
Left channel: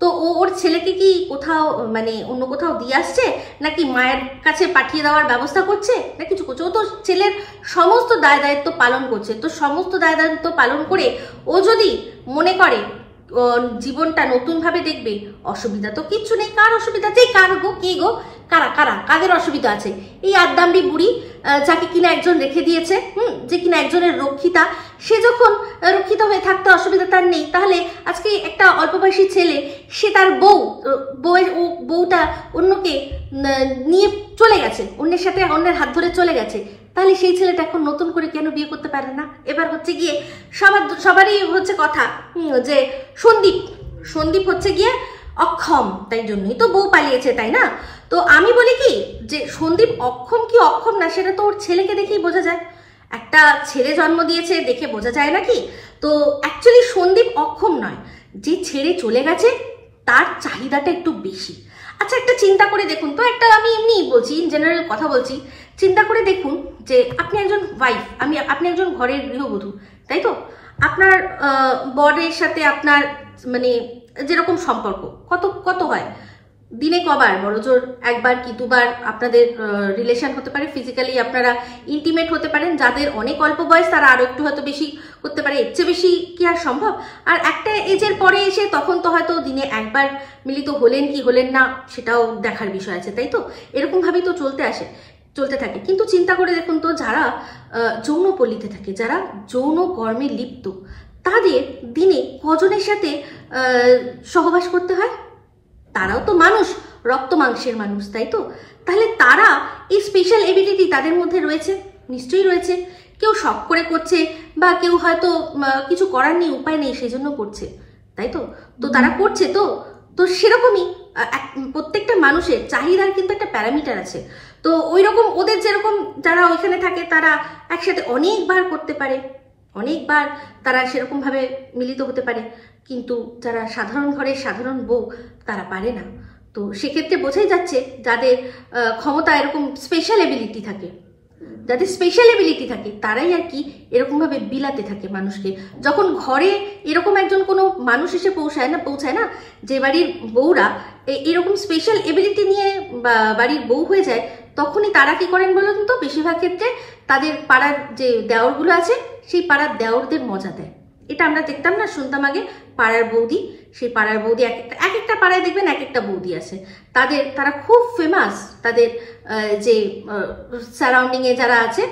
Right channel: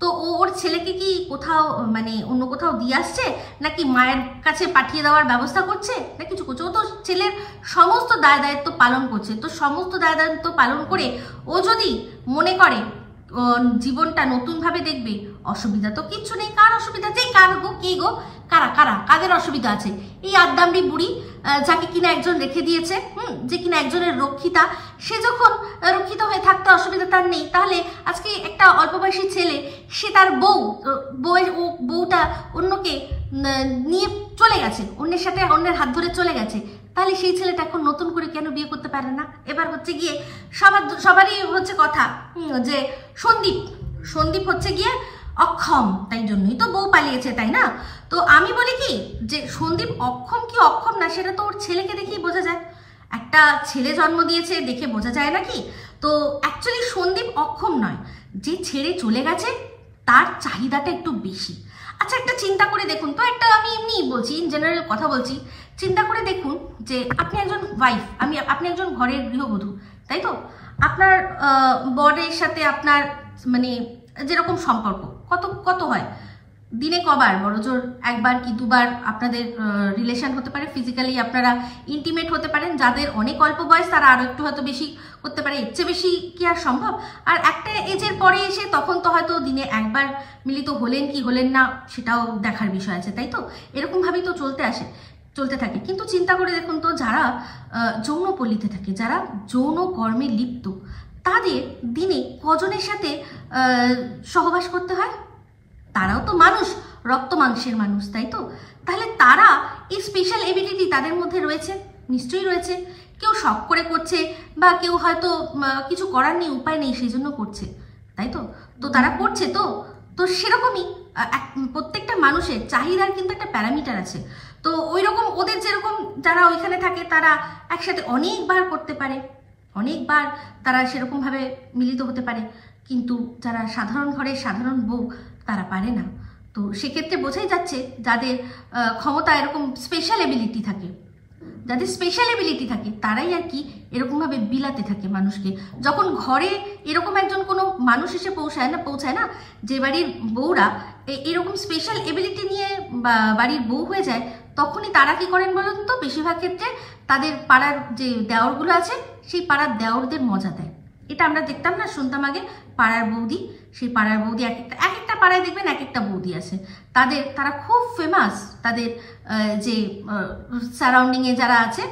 তো ওর ছেলেকে কি কোথাও মানে অন্য কোথাও দিয়ে আসছে, নাকি মায়ের কাছে পাঠিয়ে দেওয়ার ব্যবস্থা করছে, না কিছু করছে? ও তো ছেলের সমস্ত দায়িত্ব পালন করছে। তো সমস্ত দায়িত্ব পালন করে ও যদি মনে করে জীবনটা নতুন ভাবে দেখবে, অসুবিধা তো কিচ্ছু নেই। কার অসুবিধা আছে? কাদের অসুবিধা আছে? এই আদ্দামড়ি বুড়ি, যাকে কিনা একজন রেখে দিয়েছে, যে কিনা একজনের রক্ষিতা, সে যখন রক্ষিত হয়ে থাকতে অসুবিধা তার নেই, তাহলে আজকে একটা অল্প বয়সী ছেলে, সে তার বউটা অন্যকে নিয়ে চলে গেছে, অন্যের হাত ধরে চলে গেছে, তাহলে সেই ছেলেটা এখন নতুন করে কেন বিয়ে করতে পারে না? এবার হচ্ছে গিয়ে সবারই হচ্ছে কথা যে সন্দীপ হচ্ছে গিয়ে অক্ষম, তাই জন্যই তো বউ পালিয়েছে, তাই না? তো আমি বলি কি যে সন্দীপ অক্ষম কি অক্ষম না, সেটা তো ওর ছেলেকে দেখেই বোঝা যায়। একটা ছেলে জন্ম দিয়েছে দেখে বোঝা যায় নাকি? তো অ্যাকচুয়ালি সন্দীপ অক্ষম নয়, যে ছেড়ে চলে গেছে তার চাহিদাটা একটু বেশি। আচ্ছা, একটা চিন্তা করে দেখুন তো, আমি এমনি বলছি, ইন জেনারেল কথা বলছি, চিন্তা করে দেখুন যে আপনি একজন ওয়াইফ, আপনি একজন ঘরের গৃহবধূ, তাই তো? আপনার বরের সাথে আপনার মানে যেরকম সম্পর্ক কত কত হয়, দিনে কবার, বড়জোর একবার কি দুবার আপনাদের রিলেশন হতে পারে, ফিজিক্যালি আপনারা ইন্টিমেট হতে পারেন। যাদের অনেক অল্প বয়স তারা আরো একটু হয়তো বেশি করতে পারে, এর চেয়ে বেশি কি আর সম্ভব? আর একটা এজের পরে এসে তখন তো হয়তো দিনে একবার মিলিত হলেন কি হলেন না সেটাও দেখার বিষয় আছে, তাই তো? এরকম ভাবেই তো চলতে থাকে। কিন্তু চিন্তা করে দেখুন তো, যারা যৌনপল্লীতে থাকে, যারা যৌন কর্মে লিপ্ত, তাদের দিনে কজনের সাথে সহবাস করতে হয়? তারাও তো মানুষ, রক্ত মাংসের মানুষ, তাই তো? তাহলে তারা এই স্পেশাল এবিলিটি তাদের মধ্যে রয়েছে, নিশ্চয়ই রয়েছে। কেউ শখ করে করছে, বা কেউ হয়তো কিছু করার নেই, উপায় নেই, সেই জন্য করছে, তাই তো? তো তারা করছে তো সেরকমই প্রত্যেকটা মানুষের চাহিদার কিন্তু একটা প্যারামিটার আছে। তো ওই রকম ওদের যেরকম যারা ওইখানে থাকে তারা একসাথে অনেকবার করতে পারে, অনেকবার তারা সেরকমভাবে মিলিত হতে পারে, কিন্তু যারা সাধারণ ঘরের সাধারণ বউ তারা পারে না। তো সেক্ষেত্রে বোঝাই যাচ্ছে যাদের ক্ষমতা এরকম স্পেশাল এবিলিটি থাকে, যাদের স্পেশাল এবিলিটি থাকে তারাই আর কি এরকমভাবে বিলাতে থাকে মানুষকে। যখন ঘরে এরকম একজন কোনো মানুষ এসে পৌঁছায় না যে বাড়ির বউরা এরকম স্পেশাল এবিলিটি নিয়ে বাড়ির বউ হয়ে যায়, তখনই তারা কি করেন বলুন তো? বেশিরভাগ ক্ষেত্রে তাদের পাড়ার যে দেওরগুলো আছে সেই পাড়ার দেওরদের মজা দেয়। এটা আমরা দেখতাম না, শুনতাম আগে, পাড়ার বৌদি, সেই পাড়ার বৌদি এক একটা পাড়ায় দেখবেন এক একটা বৌদি আছে, তারা খুব ফেমাস। তাদের যে সারাউন্ডিংয়ে যারা আছে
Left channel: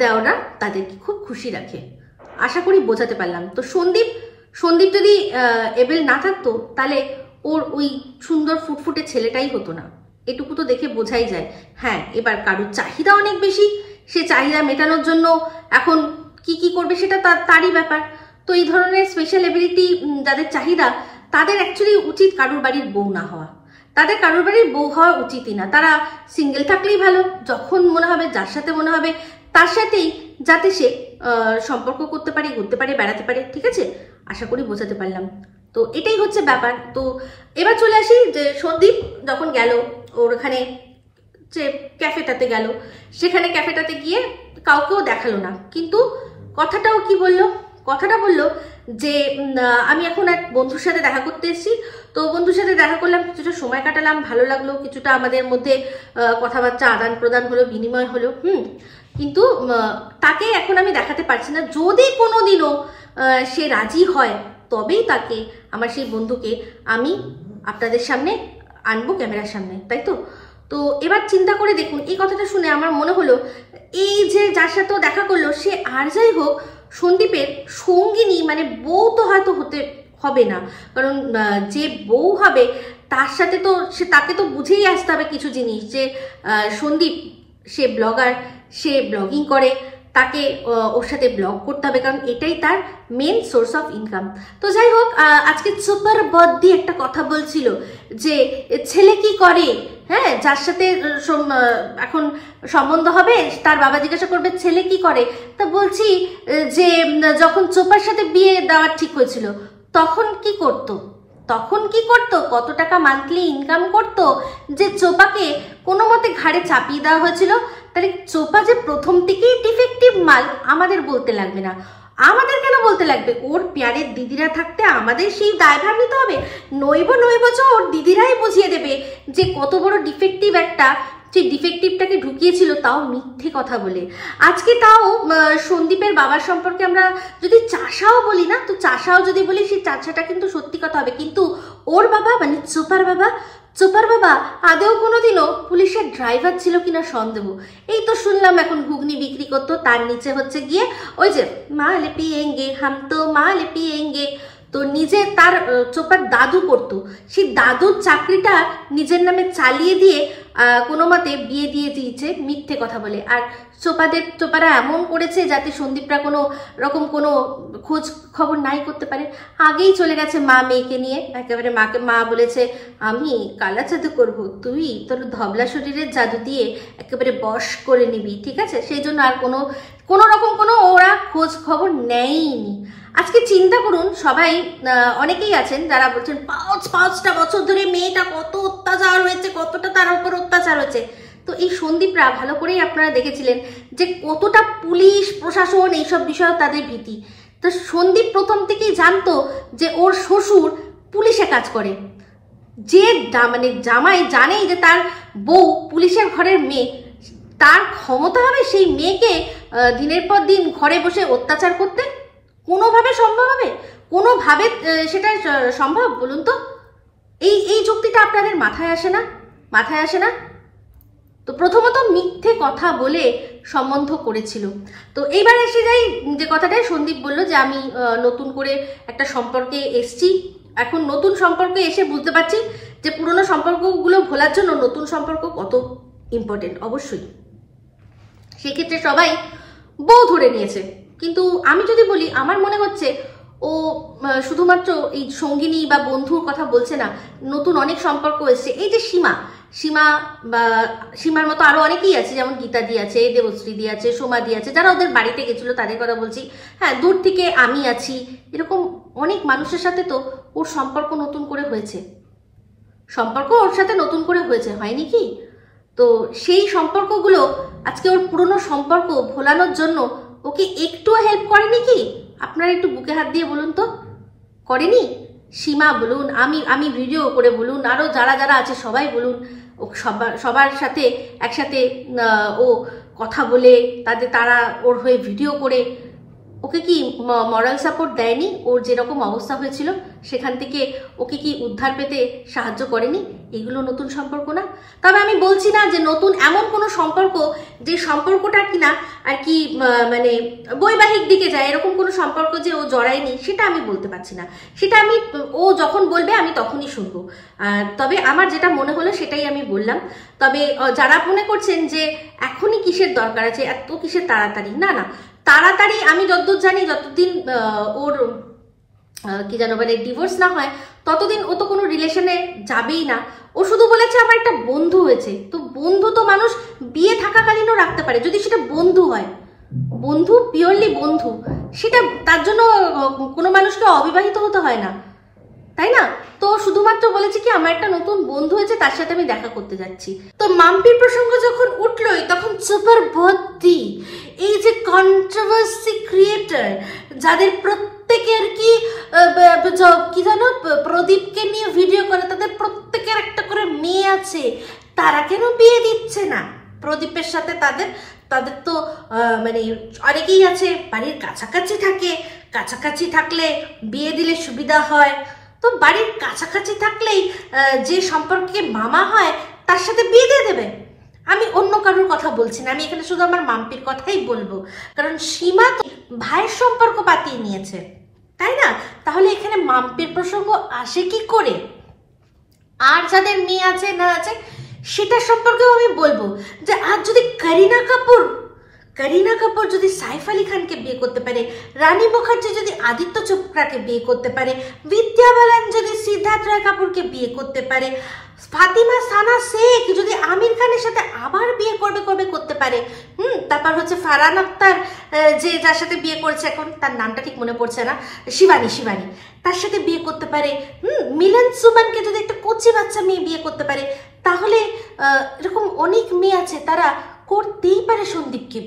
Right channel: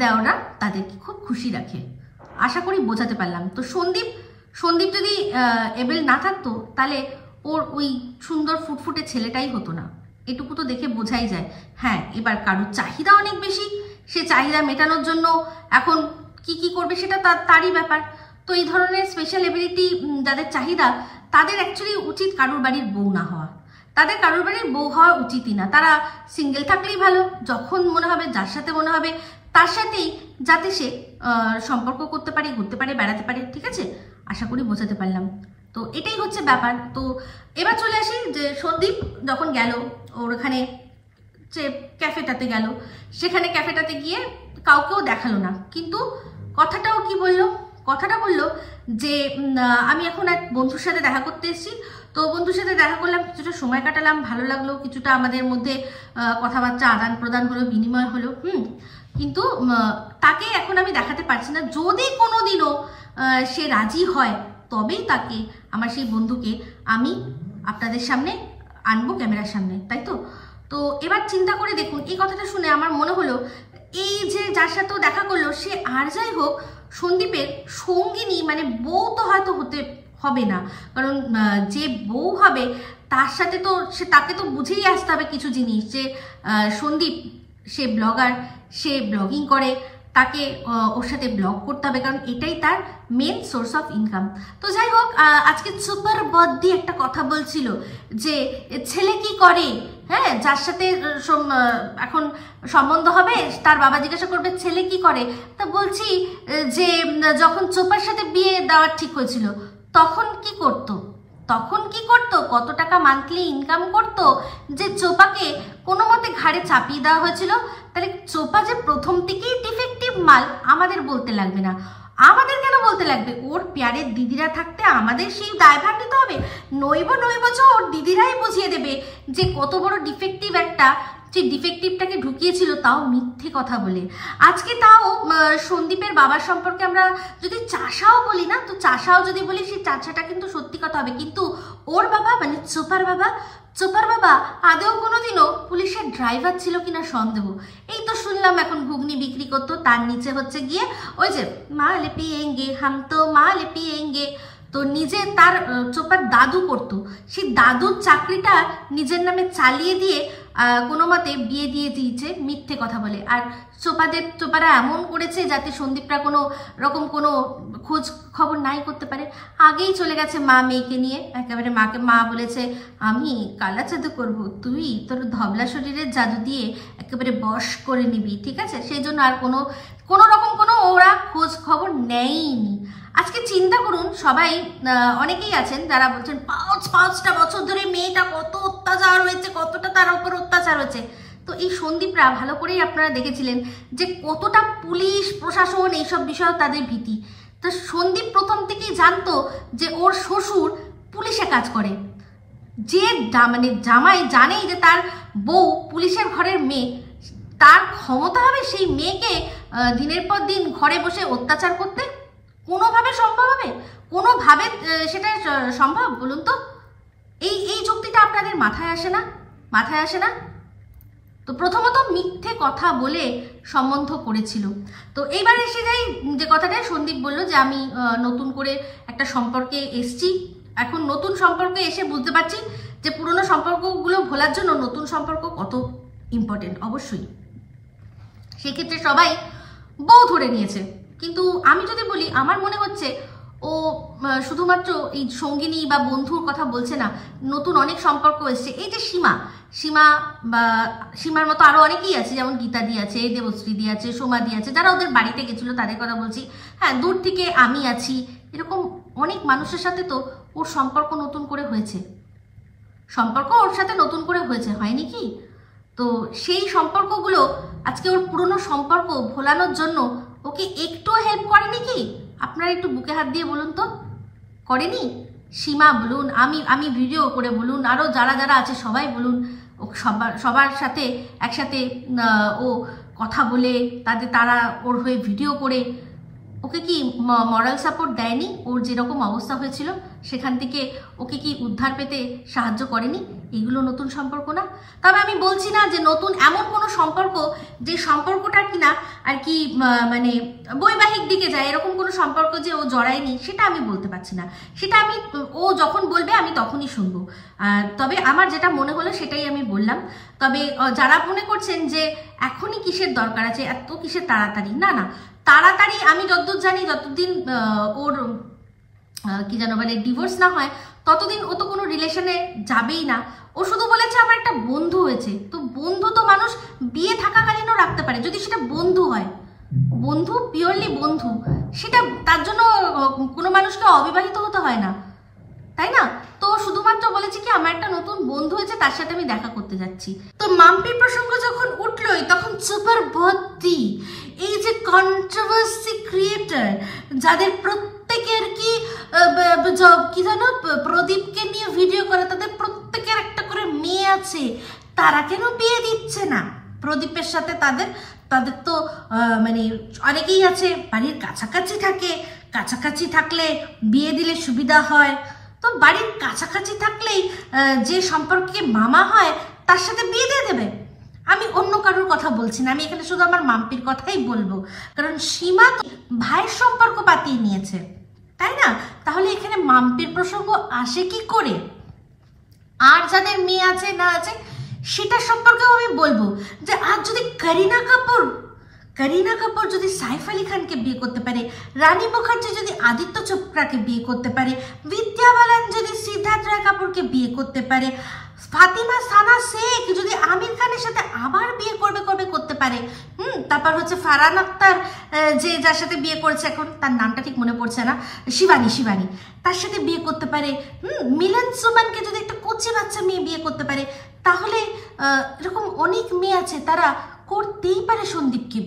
দেওররা তাদেরকে খুব খুশি রাখে। আশা করি বোঝাতে পারলাম। তো সন্দীপ যদি এবেল না থাকতো তাহলে ওর ওই সুন্দর ফুটফুটে ছেলেটাই হতো না, এটুকু তো দেখে বোঝাই যায়। হ্যাঁ, এবার কারোর চাহিদা অনেক বেশি, সে চাহিদা মেটানোর জন্য এখন কি করবে সেটা তারই ব্যাপার। তো এই ধরনের স্পেশাল এবিলিটি যাদের চাহিদা, তাদের অ্যাকচুয়ালি উচিত কারোর বাড়ির বউ না হওয়া, তাদের কারোর বাড়ির বউ হওয়া উচিতই না। তারা সিঙ্গেল থাকলেই ভালো, যখন মনে হবে, যার সাথে মনে হবে তার সাথেই যাতে সে সম্পর্ক করতে পারে, ঘুরতে পারে, বেড়াতে পারে, ঠিক আছে? আশা করি বোঝাতে পারলাম। তো এটাই হচ্ছে ব্যাপার। তো এবার চলে আসি যে সন্দীপ যখন গেল ওর ওখানে যে ক্যাফেটাতে গেল, সেখানে ক্যাফেটাতে গিয়ে কাউকেও দেখালো না, কিন্তু কথাটাও কি বললো? কথাটা বললো যে আমি এখন এক বন্ধুর সাথে দেখা করতে এসেছি, তো বন্ধুর সাথে দেখা করলাম, কিছুটা সময় কাটালাম, ভালো লাগলো, কিছুটা আমাদের মধ্যে কথাবার্তা আদান প্রদান হলো, বিনিময় হলো, কিন্তু তাকে এখন আমি দেখাতে পারছি না। যদি কোনোদিনও সে রাজি হয় তবেই তাকে, আমার সেই বন্ধুকে আমি আপনাদের সামনে আনবো, ক্যামেরার সামনে, তাই তো? তো এবার চিন্তা করে দেখুন, এই কথাটা শুনে আমার মনে হলো এই যে যার সাথেও দেখা করলো সে আর যাই হোক সন্দীপের সঙ্গিনী, মানে বউ তো হয়তো হতে হবে না, কারণ যে বউ হবে তার সাথে তো তাকে তো বুঝেই আসতে হবে কিছু জিনিস, যে সন্দীপ সে ব্লগার, সে ব্লগিং করে, তাকে ওর সাথে ব্লগ করতে হবে, কারণ এটাই তার মেন সোর্স অফ ইনকাম। তো যাই হোক, আজকে সুপার বদ্দি একটা কথা বলছিল যে ছেলে কি করে, হ্যাঁ, যার সাথে এখন সম্বন্ধ হবে তার বাবা জিজ্ঞাসা করবে ছেলে কি করে, তা বলছি যে যখন চোপার সাথে বিয়ে দেওয়ার ঠিক হয়েছিল তখন কি করতো, কত টাকা মান্থলি ইনকাম করতো, যে চোপাকে কোনো মতে ঘাড়ে চাপিয়ে দেওয়া হয়েছিল। তাহলে চোপা যে প্রথম থেকেই ডিফেক্টিভ মাল আমাদের বলতে লাগবে না। আমাদের কেন বলতে লাগবে? ওর প্যারের দিদিরা থাকতে আমাদের সেই দায়ভার নিতে হবে? নইব ওর দিদিরাই বুঝিয়ে দেবে যে কত বড় ডিফেক্টিভ একটা, সেই ডিফেক্টিভটাকে ঢুকিয়েছিল, তাও মিথ্যে কথা বলে। আজকে তাও সন্দীপের বাবার সম্পর্কে আমরা যদি চাষাও বলি না, তো চাষাও যদি বলি সেই চাষাটা কিন্তু সত্যি কথা হবে, কিন্তু ওর বাবা মানে চোপার বাবা আদেও কোনোদিনও পুলিশের ড্রাইভার ছিল কিনা সন্দেহ। এই তো শুনলাম এখন ঘুগনি বিক্রি করতো, তার নিচে হচ্ছে গিয়ে ওই যে মাল পিয়েঙ্গে হাম তো মাল পিয়েঙ্গে, তো নিজে তার চোপার দাদু করতো, সেই দাদুর চাকরিটা নিজের নামে চালিয়ে দিয়ে কোনো মতে বিয়ে দিয়ে দিয়েছে মিথ্যে কথা বলে। আর চোপারা এমন করেছে যাতে সন্দীপরা কোনো রকম কোনো খোঁজ খবর নাই করতে পারে। আগেই চলে গেছে মা মেয়েকে নিয়ে, একেবারে মা বলেছে আমি কালা জাদু করবো, তুই তোর ধবলা শরীরের জাদু দিয়ে একেবারে বশ করে নিবি, ঠিক আছে? সেই জন্য আর কোনো রকম কোনো ওরা খোঁজ খবর নেয়নি। আজকে চিন্তা করুন, সবাই অনেকেই আছেন যারা বলছেন 5টা বছর ধরে মেয়েটা কত অত্যাচার হয়েছে, কতটা তার উপর অত্যাচার হয়েছে। তো এই সন্দীপরা ভালো করেই আপনারা দেখেছিলেন যে কতটা পুলিশ প্রশাসন এইসব বিষয়ে তাদের ভীতি। তো সন্দীপ প্রথম থেকেই জানতো যে ওর শ্বশুর পুলিশে কাজ করে, যে মানে জামাই জানেই যে তার বউ পুলিশের ঘরের মেয়ে, তার ক্ষমতা হবে সেই মেয়েকে দিনের পর দিন ঘরে বসে অত্যাচার করতে? কোনোভাবে সম্ভব হবে? কোনোভাবে সেটা সম্ভব বলুন তো? এই যুক্তিটা আপনাদের মাথায় আসে না? মাথায় আসে না? তো প্রথমত মিথ্যে কথা বলে সম্বন্ধ করেছিল। তো এইবার এসে যাই যে কথাটাই সন্দীপ বলল যে আমি নতুন করে একটা সম্পর্কে এসছি, এখন নতুন সম্পর্কে এসে বুঝতে পারছি যে পুরনো সম্পর্কগুলো ভোলার জন্য নতুন সম্পর্ক কত ইম্পর্টেন্ট। অবশ্যই সেক্ষেত্রে সবাই বউ ধরে নিয়েছে, কিন্তু আমি যদি বলি আমার মনে হচ্ছে ও শুধুমাত্র এই সঙ্গিনী বা বন্ধুর কথা বলছে না, নতুন অনেক সম্পর্ক এসছে। এই যে সীমা বা সীমার মতো আরো অনেকেই আছে, যেমন গীতাদি আছে, দেবশ্রীদি আছে, সোমাদি আছে, যারা ওদের বাড়িতে গেছিল তাদের কথা বলছি। হ্যাঁ, দূর থেকে আমি আছি, এরকম অনেক মানুষের সাথে তো ওর সম্পর্ক নতুন করে হয়েছে, সম্পর্ক ওর সাথে নতুন করে হয়েছে, হয়নি কি? তো সেই সম্পর্কগুলো আজকে ওর পুরনো সম্পর্ক ভোলানোর জন্য ওকে একটুও হেল্প করেনি কি? আপনারা একটু বুকে হাত দিয়ে বলুন তো, করেনি? সীমা বলুন, আমি ভিডিও করে বলুন, আরো যারা যারা আছে সবাই বলুন, ও সবার সাথে একসাথে ও কথা বলে তারা ওর হয়ে ভিডিও করে ওকে কি মরাল সাপোর্ট দেয়নি? ওর যেরকম অবস্থা হয়েছিল সেখান থেকে ওকে কি উদ্ধার পেতে সাহায্য করেনি? এগুলো নতুন সম্পর্ক না? তবে আমি বলছি না যে নতুন এমন কোনো সম্পর্ক যে সম্পর্কটা কিনা আর কি মানে বৈবাহিক দিকে যায়, এরকম কোনো সম্পর্ক যে ও জড়ায়নি, সেটা আমি বলতে পারছি না। সেটা আমি ও যখন বলবে আমি তখনই শুনবো। তবে আমার যেটা মনে হলো সেটাই আমি বললাম। তবে যারা মনে করছেন যে এখনই কিসের দরকার আছে, এত কিসের তাড়াতাড়ি, না না, তাড়াতাড়ি আমি যতদূর জানি যতদিন ওর কি জানো মানে ডিভোর্স না হয় ততদিন ও তো কোনো রিলেশনে যাবেই না। ও শুধু বলেছে আমার একটা বন্ধু হয়েছে। তো বন্ধু তো মানুষ বিয়ে থাকাকালীনও রাখতে পারে, যদি সেটা বন্ধু হয়, বন্ধু পিওরলি বন্ধু, সেটা তার জন্য কোনো মানুষকে অবিবাহিত হতে হয় না, তাই না? তো শুধুমাত্র বলেছি কি আমার একটা নতুন বন্ধু হয়েছে, তার সাথে আমি দেখা করতে যাচ্ছি। তো মাম্পির প্রসঙ্গ যখন উঠলোই তখন সুপার ভর্তি এই যে কন্ট্রোভার্সি ক্রিয়েটার, যাদের প্রত্যেকের কি জানো প্রদীপকে নিয়ে ভিডিও করে, তাদের প্রত্যেকের একটা করে মেয়ে আছে, তারা কেন বিয়ে দিচ্ছে না প্রদীপের সাথে? তাদের তো মানে অনেকেই আছে বাড়ির কাছাকাছি থাকে, কাছাকাছি থাকলে বিয়ে দিলে সুবিধা হয়। তো বাড়ির কাছাকাছি থাকলেই যে সম্পর্কে মামা হয় তার সাথে বিয়ে দিয়ে দেবে। আমি অন্য কারোর কথা বলছি না, আমি এখানে শুধু আমার মাম্পির কথাই বলবো, কারণ সীমা তো ভাইয়ের সম্পর্ক পাতিয়ে নিয়েছে, তাই না? তাহলে এখানে মাম্পির প্রসঙ্গ আসে কি করে? আর যাদের মেয়ে আছে না আছে সেটা সম্পর্কেও আমি বলবো যে আজ যদি করিনা কাপুর যদি সাইফ আলী খানকে বিয়ে করতে পারে, রানী মুখার্জি যদি আদিত্য চোপড়াকে বিয়ে করতে পারে, বিদ্যা বালান যদি সিদ্ধার্থ রায় কাপুরকে বিয়ে করতে পারে, ফাতিমা সানা শেখ যদি আমির খানের সাথে আবার বিয়ে করতে পারে, তারপর হচ্ছে ফারহান আক্তার যে যার সাথে বিয়ে করেছে, এখন তার নামটা ঠিক মনে পড়ছে না, শিবানী, তার সাথে বিয়ে করতে পারে, মিলন সুমনকে যদি একটা কচি বাচ্চা মেয়ে বিয়ে করতে পারে, তাহলে এরকম অনেক মেয়ে আছে তারা করতেই পারে সন্দীপকে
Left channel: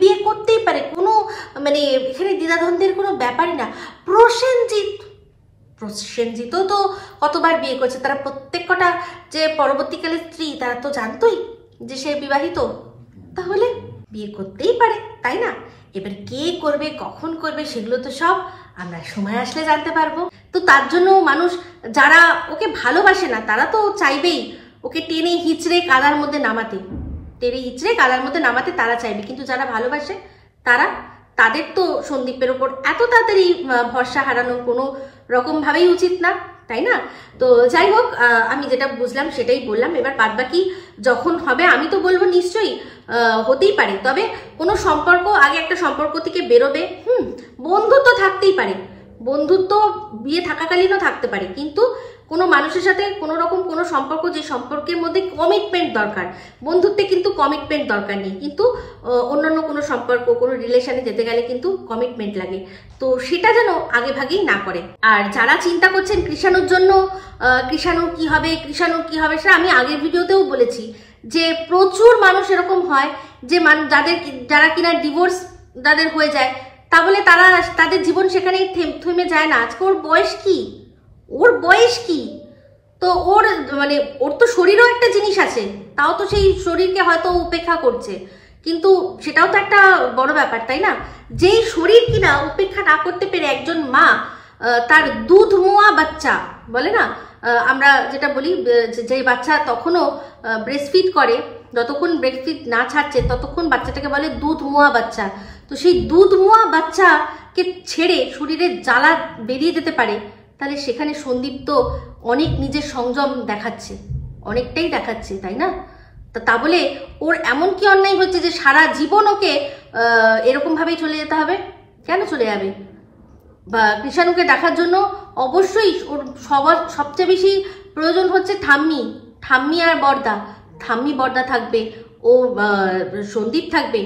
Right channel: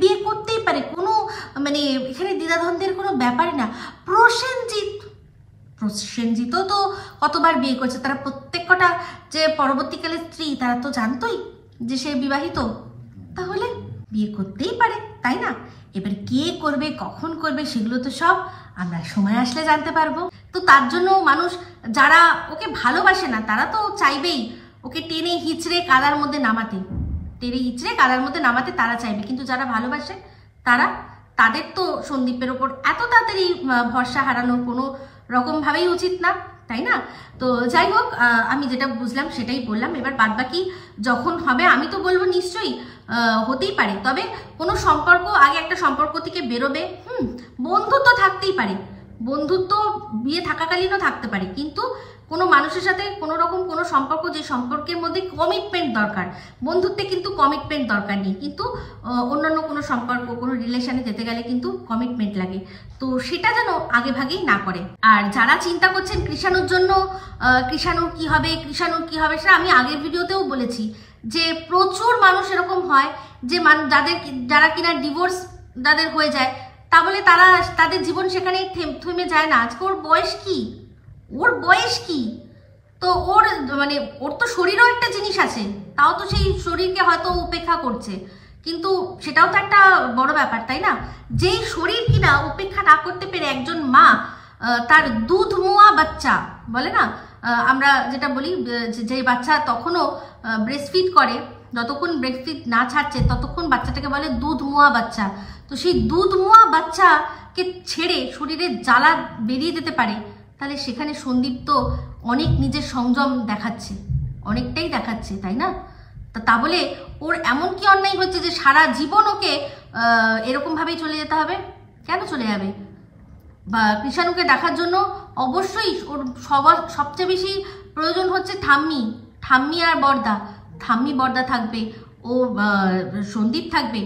বিয়ে করতেই পারে, কোনো মানে এখানে দ্বিধাদ্বন্দ্বের কোনো ব্যাপারই না। প্রসেনজিৎও তো কতবার বিয়ে করছে, তারা প্রত্যেকটা যে পরবর্তীকালে স্ত্রী তারা তো জানতোই যে সে বিবাহিত, তাহলে বিয়ে করতেই পারে, তাই না? এবার কে করবে কখন করবে সেগুলো তো সব আমরা সময় আসলে জানতে পারবো। তো তার জন্য মানুষ যারা ওকে ভালোবাসে না তারা তো চাইবেই ওকে টেনে হিচড়ে কাদার মধ্যে নামাতে তারা চাইবে, কিন্তু যারা ভালোবাসে তাদের তো সন্দীপের ওপর এত তাড়াতাড়ি ভরসা হারানো কোনো রকম ভাবেই উচিত না, তাই না? তো যাই হোক, আমি যেটা বুঝলাম সেটাই বললাম। এবার বাদবাকি যখন হবে আমি তো বলবো নিশ্চয়ই হতেই পারে, তবে কোনো সম্পর্ক আগে একটা সম্পর্ক থেকে বেরোবে। বন্ধুত্ব থাকতেই পারে, বন্ধুত্ব বিয়ে থাকাকালীনও থাকতে পারে, কিন্তু কোনো মানুষের সাথে কোনো রকম কোনো সম্পর্ক যে সম্পর্কের মধ্যে কমিটমেন্ট দরকার, বন্ধুত্বে কিন্তু কমিটমেন্ট দরকার নেই, কিন্তু অন্যান্য কোনো সম্পর্ক কোনো রিলেশনে যেতে গেলে কিন্তু কমিটমেন্ট লাগে। তো সেটা যেন আগে ভাগেই না করে। আর যারা চিন্তা করছেন কৃষাণুর জন্য, কৃষাণুর কি হবে সেটা আমি আগের ভিডিওতেও বলেছি যে প্রচুর মানুষ এরকম হয় যে যারা কিনা ডিভোর্স যাদের হয়ে যায়, তা বলে তাদের জীবন সেখানেই থেমে যায় না। আজকে ওর বয়স কি, তো ওর তো শরীরও একটা জিনিস আছে, তাও তো সেই শরীরকে হয়তো উপেক্ষা করছে, কিন্তু সেটাও তো একটা বড় ব্যাপার, তাই না? যেই শরীর কিনা উপেক্ষা না করতে পেরে একজন মা তার দুধ মোয়া বাচ্চা বলে না, আমরা যেটা বলি যে বাচ্চা তখনও ব্রেস্টফিড করে, যতক্ষণ ব্রেস্টফিড না ছাড়ছে ততক্ষণ বাচ্চাটাকে বলে দুধ মোয়া বাচ্চা। তো সেই দুধ মোয়া বাচ্চাকে ছেড়ে শরীরের জ্বালা বেরিয়ে যেতে পারে, তাহলে সেখানে সন্দীপ তো অনেক নিজের সংযম দেখাচ্ছে, অনেকটাই দেখাচ্ছে, তাই না? তা বলে ওর এমন কি অন্যায় হচ্ছে যে সারা জীবন ওকে এরকম ভাবেই চলে যেতে হবে? কেন চলে যাবে? বা কৃষাণুকে দেখার জন্য অবশ্যই ওর সবচেয়ে বেশি প্রয়োজন হচ্ছে ঠাম্মি আর বর্দা। ঠাম্মি বর্দা থাকবে, ও সন্দীপ থাকবে।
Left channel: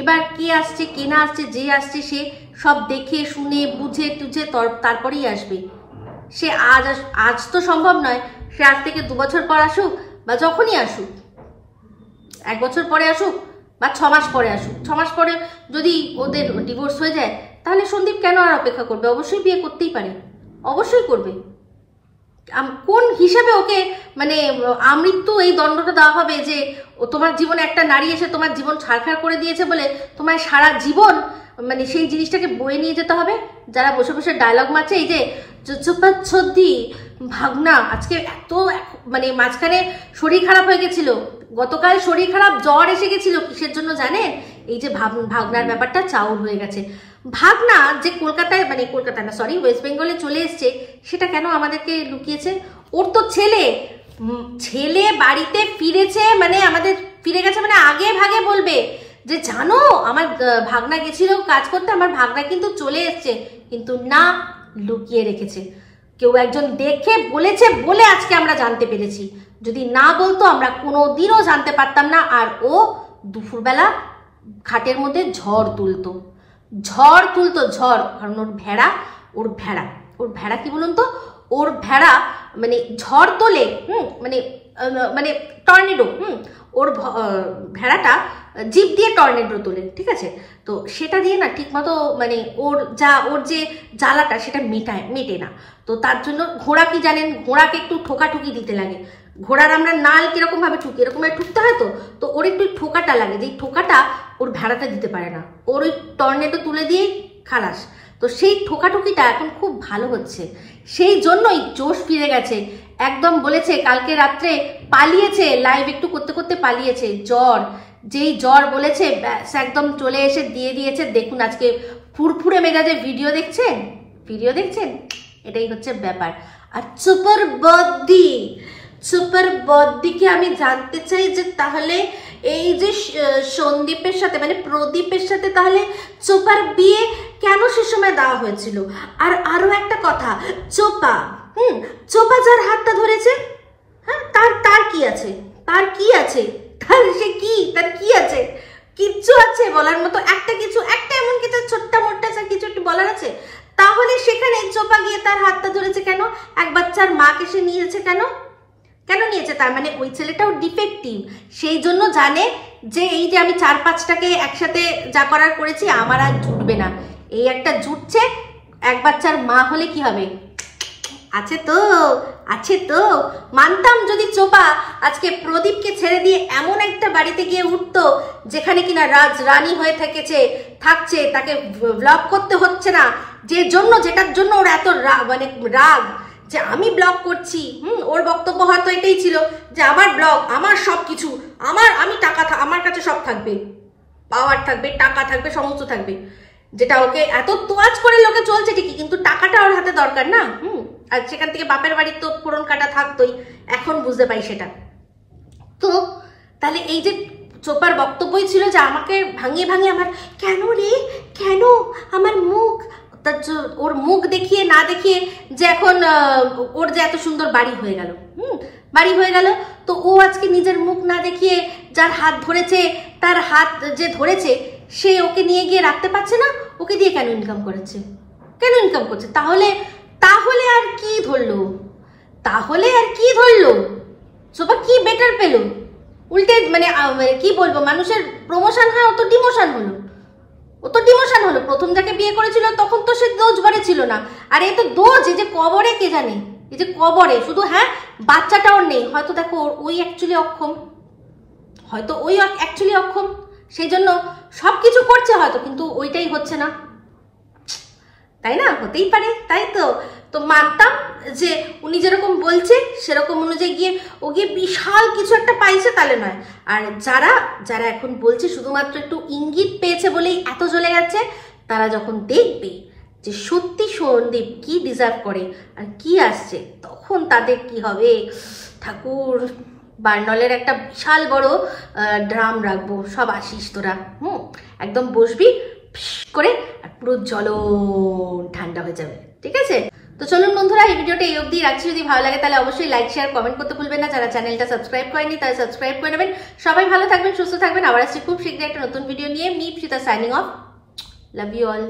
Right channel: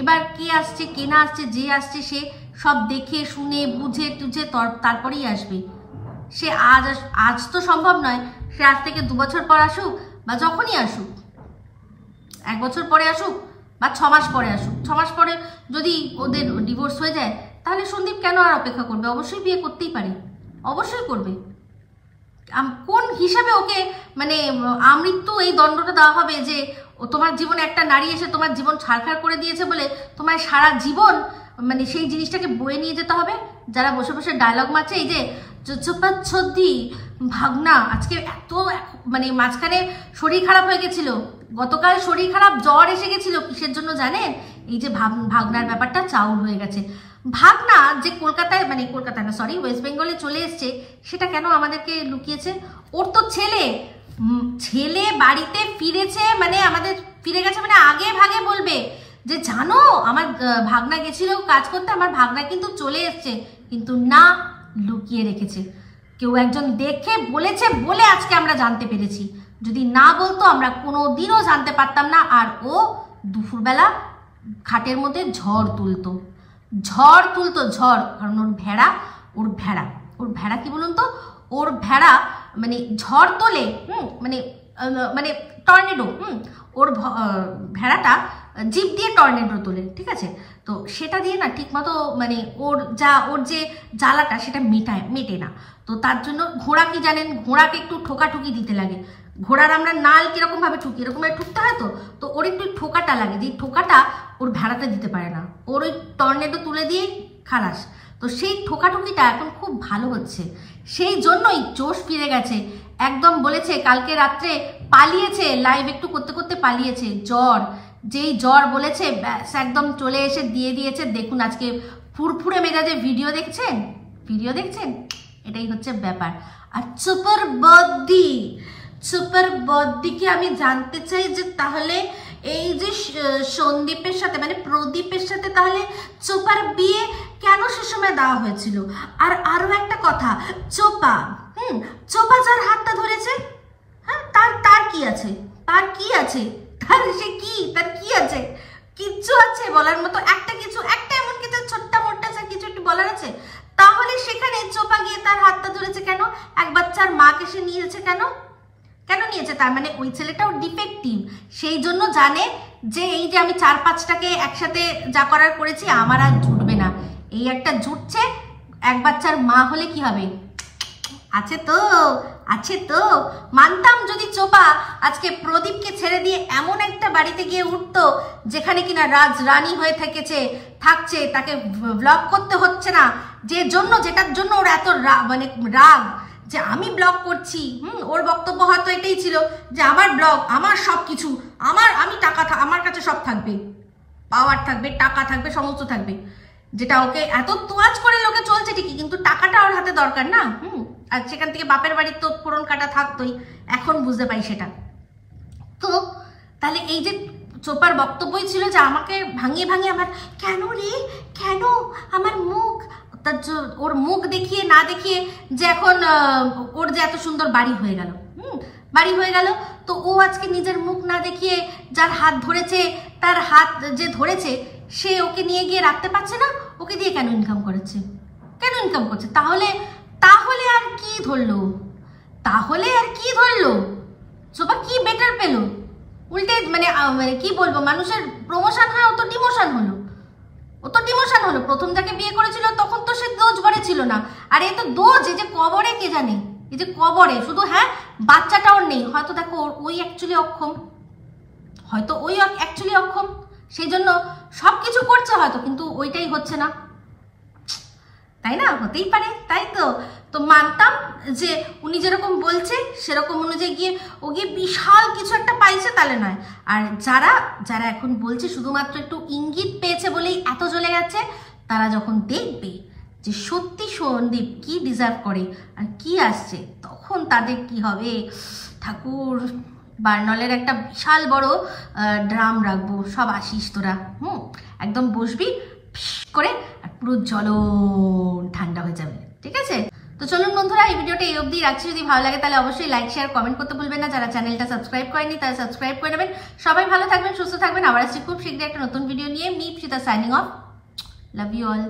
এবার কে আসছে কে না আসছে, যে আসছে সে সব দেখে শুনে বুঝে টুঝে তারপরেই আসবে। সে আজ তো সম্ভব নয়, সে আজ থেকে 2 বছর পর আসুক বা যখনই আসুক, 1 বছর পরে আসুক বা 6 মাস পরে আসুক। 6 মাস পরে যদি ওদের ডিভোর্স হয়ে যায়, তাহলে সন্দীপ কেন আর অপেক্ষা করবে? অবশ্যই বিয়ে করতেই পারে, অবশ্যই করবে। কোন হিসাবে ওকে আমৃত্যু এই দণ্ডটা দেওয়া হবে যে তোমার জীবনে একটা নারী এসে তোমার জীবন ছাড়খাড় করে দিয়েছে বলে তোমার সারা জীবন সেই জিনিসটাকে বয়ে নিয়ে যেতে হবে? যারা বসে বসে ডায়লগ মারছে, এই যে চুপাচ্ছদ্দি ভাগনা, আজকে এত মাঝখানে শরীর খারাপ হয়ে গেছিল, গতকাল শরীর খারাপ জ্বর এসে গেছিল, কিসের জন্য জানেন? এই যে ভাগনার ব্যাপারটা চাউর হয়ে গেছে। ভাগনা যে কলকাতায় কলকাতা না সরি ওয়েস্ট বেঙ্গলে চলে এসছে, সেটা কেন আমাদেরকে লুকিয়েছে? ওর তো ছেলে বাড়িতে ফিরেছে, আমাদের ফিরে গেছে, আগে ভাগে বলবে যে জানো আমার ভাগনা গেছিল কাজ করতে, আমার ভাগনা কিন্তু চলে এসছে, কিন্তু না, লুকিয়ে রেখেছে। কেউ একজন দেখে বলেছে বলে আজকে আমরা জানতে পেরেছি, যদি না বলতো আমরা কোনোদিনও জানতে পারতাম না। আর ও দুপুরবেলা খাটের মধ্যে ঝড় তুলতো, কারণ ওর ভেড়া কি বলুন তো, ওর ভেড়া ঝড় তোলে, টর্নেডো, ওর ভেড়াটা জিপ দিয়ে টর্নেডো তোলে, ঠিক আছে? তো সেটা দিয়ে না ঠিক মতো ওর যে জ্বালাটা সেটা মেটে না। তো তার জন্য ঘোড়া কি জানেন, ঘোড়াকে একটু ঠোকাঠুকি দিতে লাগে। ঘোড়ার আমরা নাল কিরকম ভাবে ঠুকি, এরকম ঠুকতে হয়, তো ওর একটু ঠোকাটা লাগে, যে ঠোকাটা ওর ভেড়াটা দিতে পারে না, ওর ওই টর্নেডো তুলে দিয়ে খালাস। তো সেই ঠোকাঠুকিটা এখন খুব ভালো হচ্ছে, সেই জন্যই জোশ ফিরে গেছে। একদম বলেছে কালকে রাত্রে পালিয়েছে, লাইভ একটু করতে করতে পালিয়েছে। যেই জ্বর বলেছে ব্যাস একদম চলে এসে দিয়ে দিয়েছে। দেখুন আজকে ফুরফুরে মেজাজে ভিডিও দেখছেন, এটাই হচ্ছে ব্যাপার। আর সুপার বদ্দিকে আমি জানতে চাই যে তাহলে এই যে সন্দীপের সাথে প্রদীপের সাথে তাহলে চোপার বিয়ে কেন সে সময় দেওয়া হয়েছিল? আর আরো একটা কথা, চোপা যার হাতটা ধরেছে, হ্যাঁ, তার কি আছে? তার কি আছে? কিচ্ছু আছে বলার মতো? একটা এমন কিছু ছোট্ট মোট্টা কিছু একটু বলার আছে? তাহলে সেখানে চোপা গিয়ে তার হাতটা ধরেছে কেন? এক বাচ্চার মাকে সে নিয়েছে কেন নিয়েছে? তার ওই ছেলেটাও ডিফেক্টিভ, সেই জন্য জানে যে এই যে আমি 4-5টাকে একসাথে যা করার করেছি আমার আর জুটবে না, এই একটা জুটছে। এক বাচ্চার মা হলে কি হবে? আছে তো মানতাম যদি চোপা আজকে প্রদীপকে ছেড়ে দিয়ে এমন একটা বাড়িতে গিয়ে উঠতো যেখানে কিনা রানী হয়ে থাকছে, তাকে ব্লগ করতে হচ্ছে না, যেটার জন্য ওর এত রাগ যে আমি ব্লগ করছি। ওর বক্তব্য হয়তো এটাই ছিল যে আমার ব্লগ, আমার সবকিছু, আমার কাছে সব থাকবে, পাওয়ার থাকবে, টাকা থাকবে, সমস্ত থাকবে, যেটা ওকে এত তোয়াজ করে লোকে চলছে ঠিকই, কিন্তু টাকাটা ওর হাতে দরকার না। আর সেখান থেকে বাপের বাড়ির তো ফোড়ন কাটা থাকতোই, এখন বুঝতে পাই সেটা। তো তাহলে এই যে চোপার বক্তব্যই ছিল যে আমাকে ভাঙিয়ে আমার কেন আমার মুখ, ওর মুখ দেখিয়ে না দেখিয়ে যে এখন ওর যে এত সুন্দর বাড়ি হয়ে গেল, তো ও আজকে নিজের মুখ না দেখিয়ে যার হাত ধরেছে, তার হাত যে ধরেছে সে ওকে নিয়ে গিয়ে রাখতে পারছে না, ওকে দিয়ে কেন ইনকাম করছে? তাহলে আর কি ধরলো? চোপা কি বেটার পেল? উল্টে মানে কি বলবো, মানুষের প্রমোশন হয়, অত ডিমোশন হলো, প্রথম যাকে বিয়ে করেছিল তখন তো সে দোজ ঘরে ছিল না, আর এ তো দোজ, এই যে কবরে কে জানে, এই যে কবরে শুধু, হ্যাঁ বাচ্চাটা ওর নেই, হয়তো দেখো ওই অ্যাকচুয়ালি অক্ষম, সেই জন্য সবকিছু করছে হয়তো, কিন্তু ওইটাই হচ্ছে না, তাই না? হতেই পারে, তাই তো। তো মানতাম যে উনি যেরকম বলছে সেরকম অনুযায়ী গিয়ে ও গিয়ে বিশাল কিছু একটা পাইছে, তাহলে নয়। আর যারা এখন বলছে শুধুমাত্র একটু ইঙ্গিত পেয়েছে বলেই এত জ্বলে গেছে, তারা যখন দেখবে যে সত্যি সন্দীপ কি ডিজার্ভ করে আর কি আসছে, তখন তাদের কি হবে, ঠাকুর বার্নলের একটা বিশাল বড় ড্রাম রাখবো, সব আসিস তোরা, একদম বসবি করে, আর পুরো জ্বলন ঠান্ডা হয়ে যাবে, ঠিক আছে? তো চলুন বন্ধুরা, এই ভিডিওটা এই অবধি রাখছি। যদি ভালো লাগে তাহলে অবশ্যই লাইক শেয়ার কমেন্ট করতে ভুলবেন না। যারা চ্যানেলটা সাবস্ক্রাইব করেনি তারা সাবস্ক্রাইব করে নেবেন। সবাই ভালো থাকবেন, সুস্থ থাকবেন। আবার আসছি খুব শীঘ্রই একটা নতুন ভিডিও নিয়ে। Me Ipsita signing off. Love you all.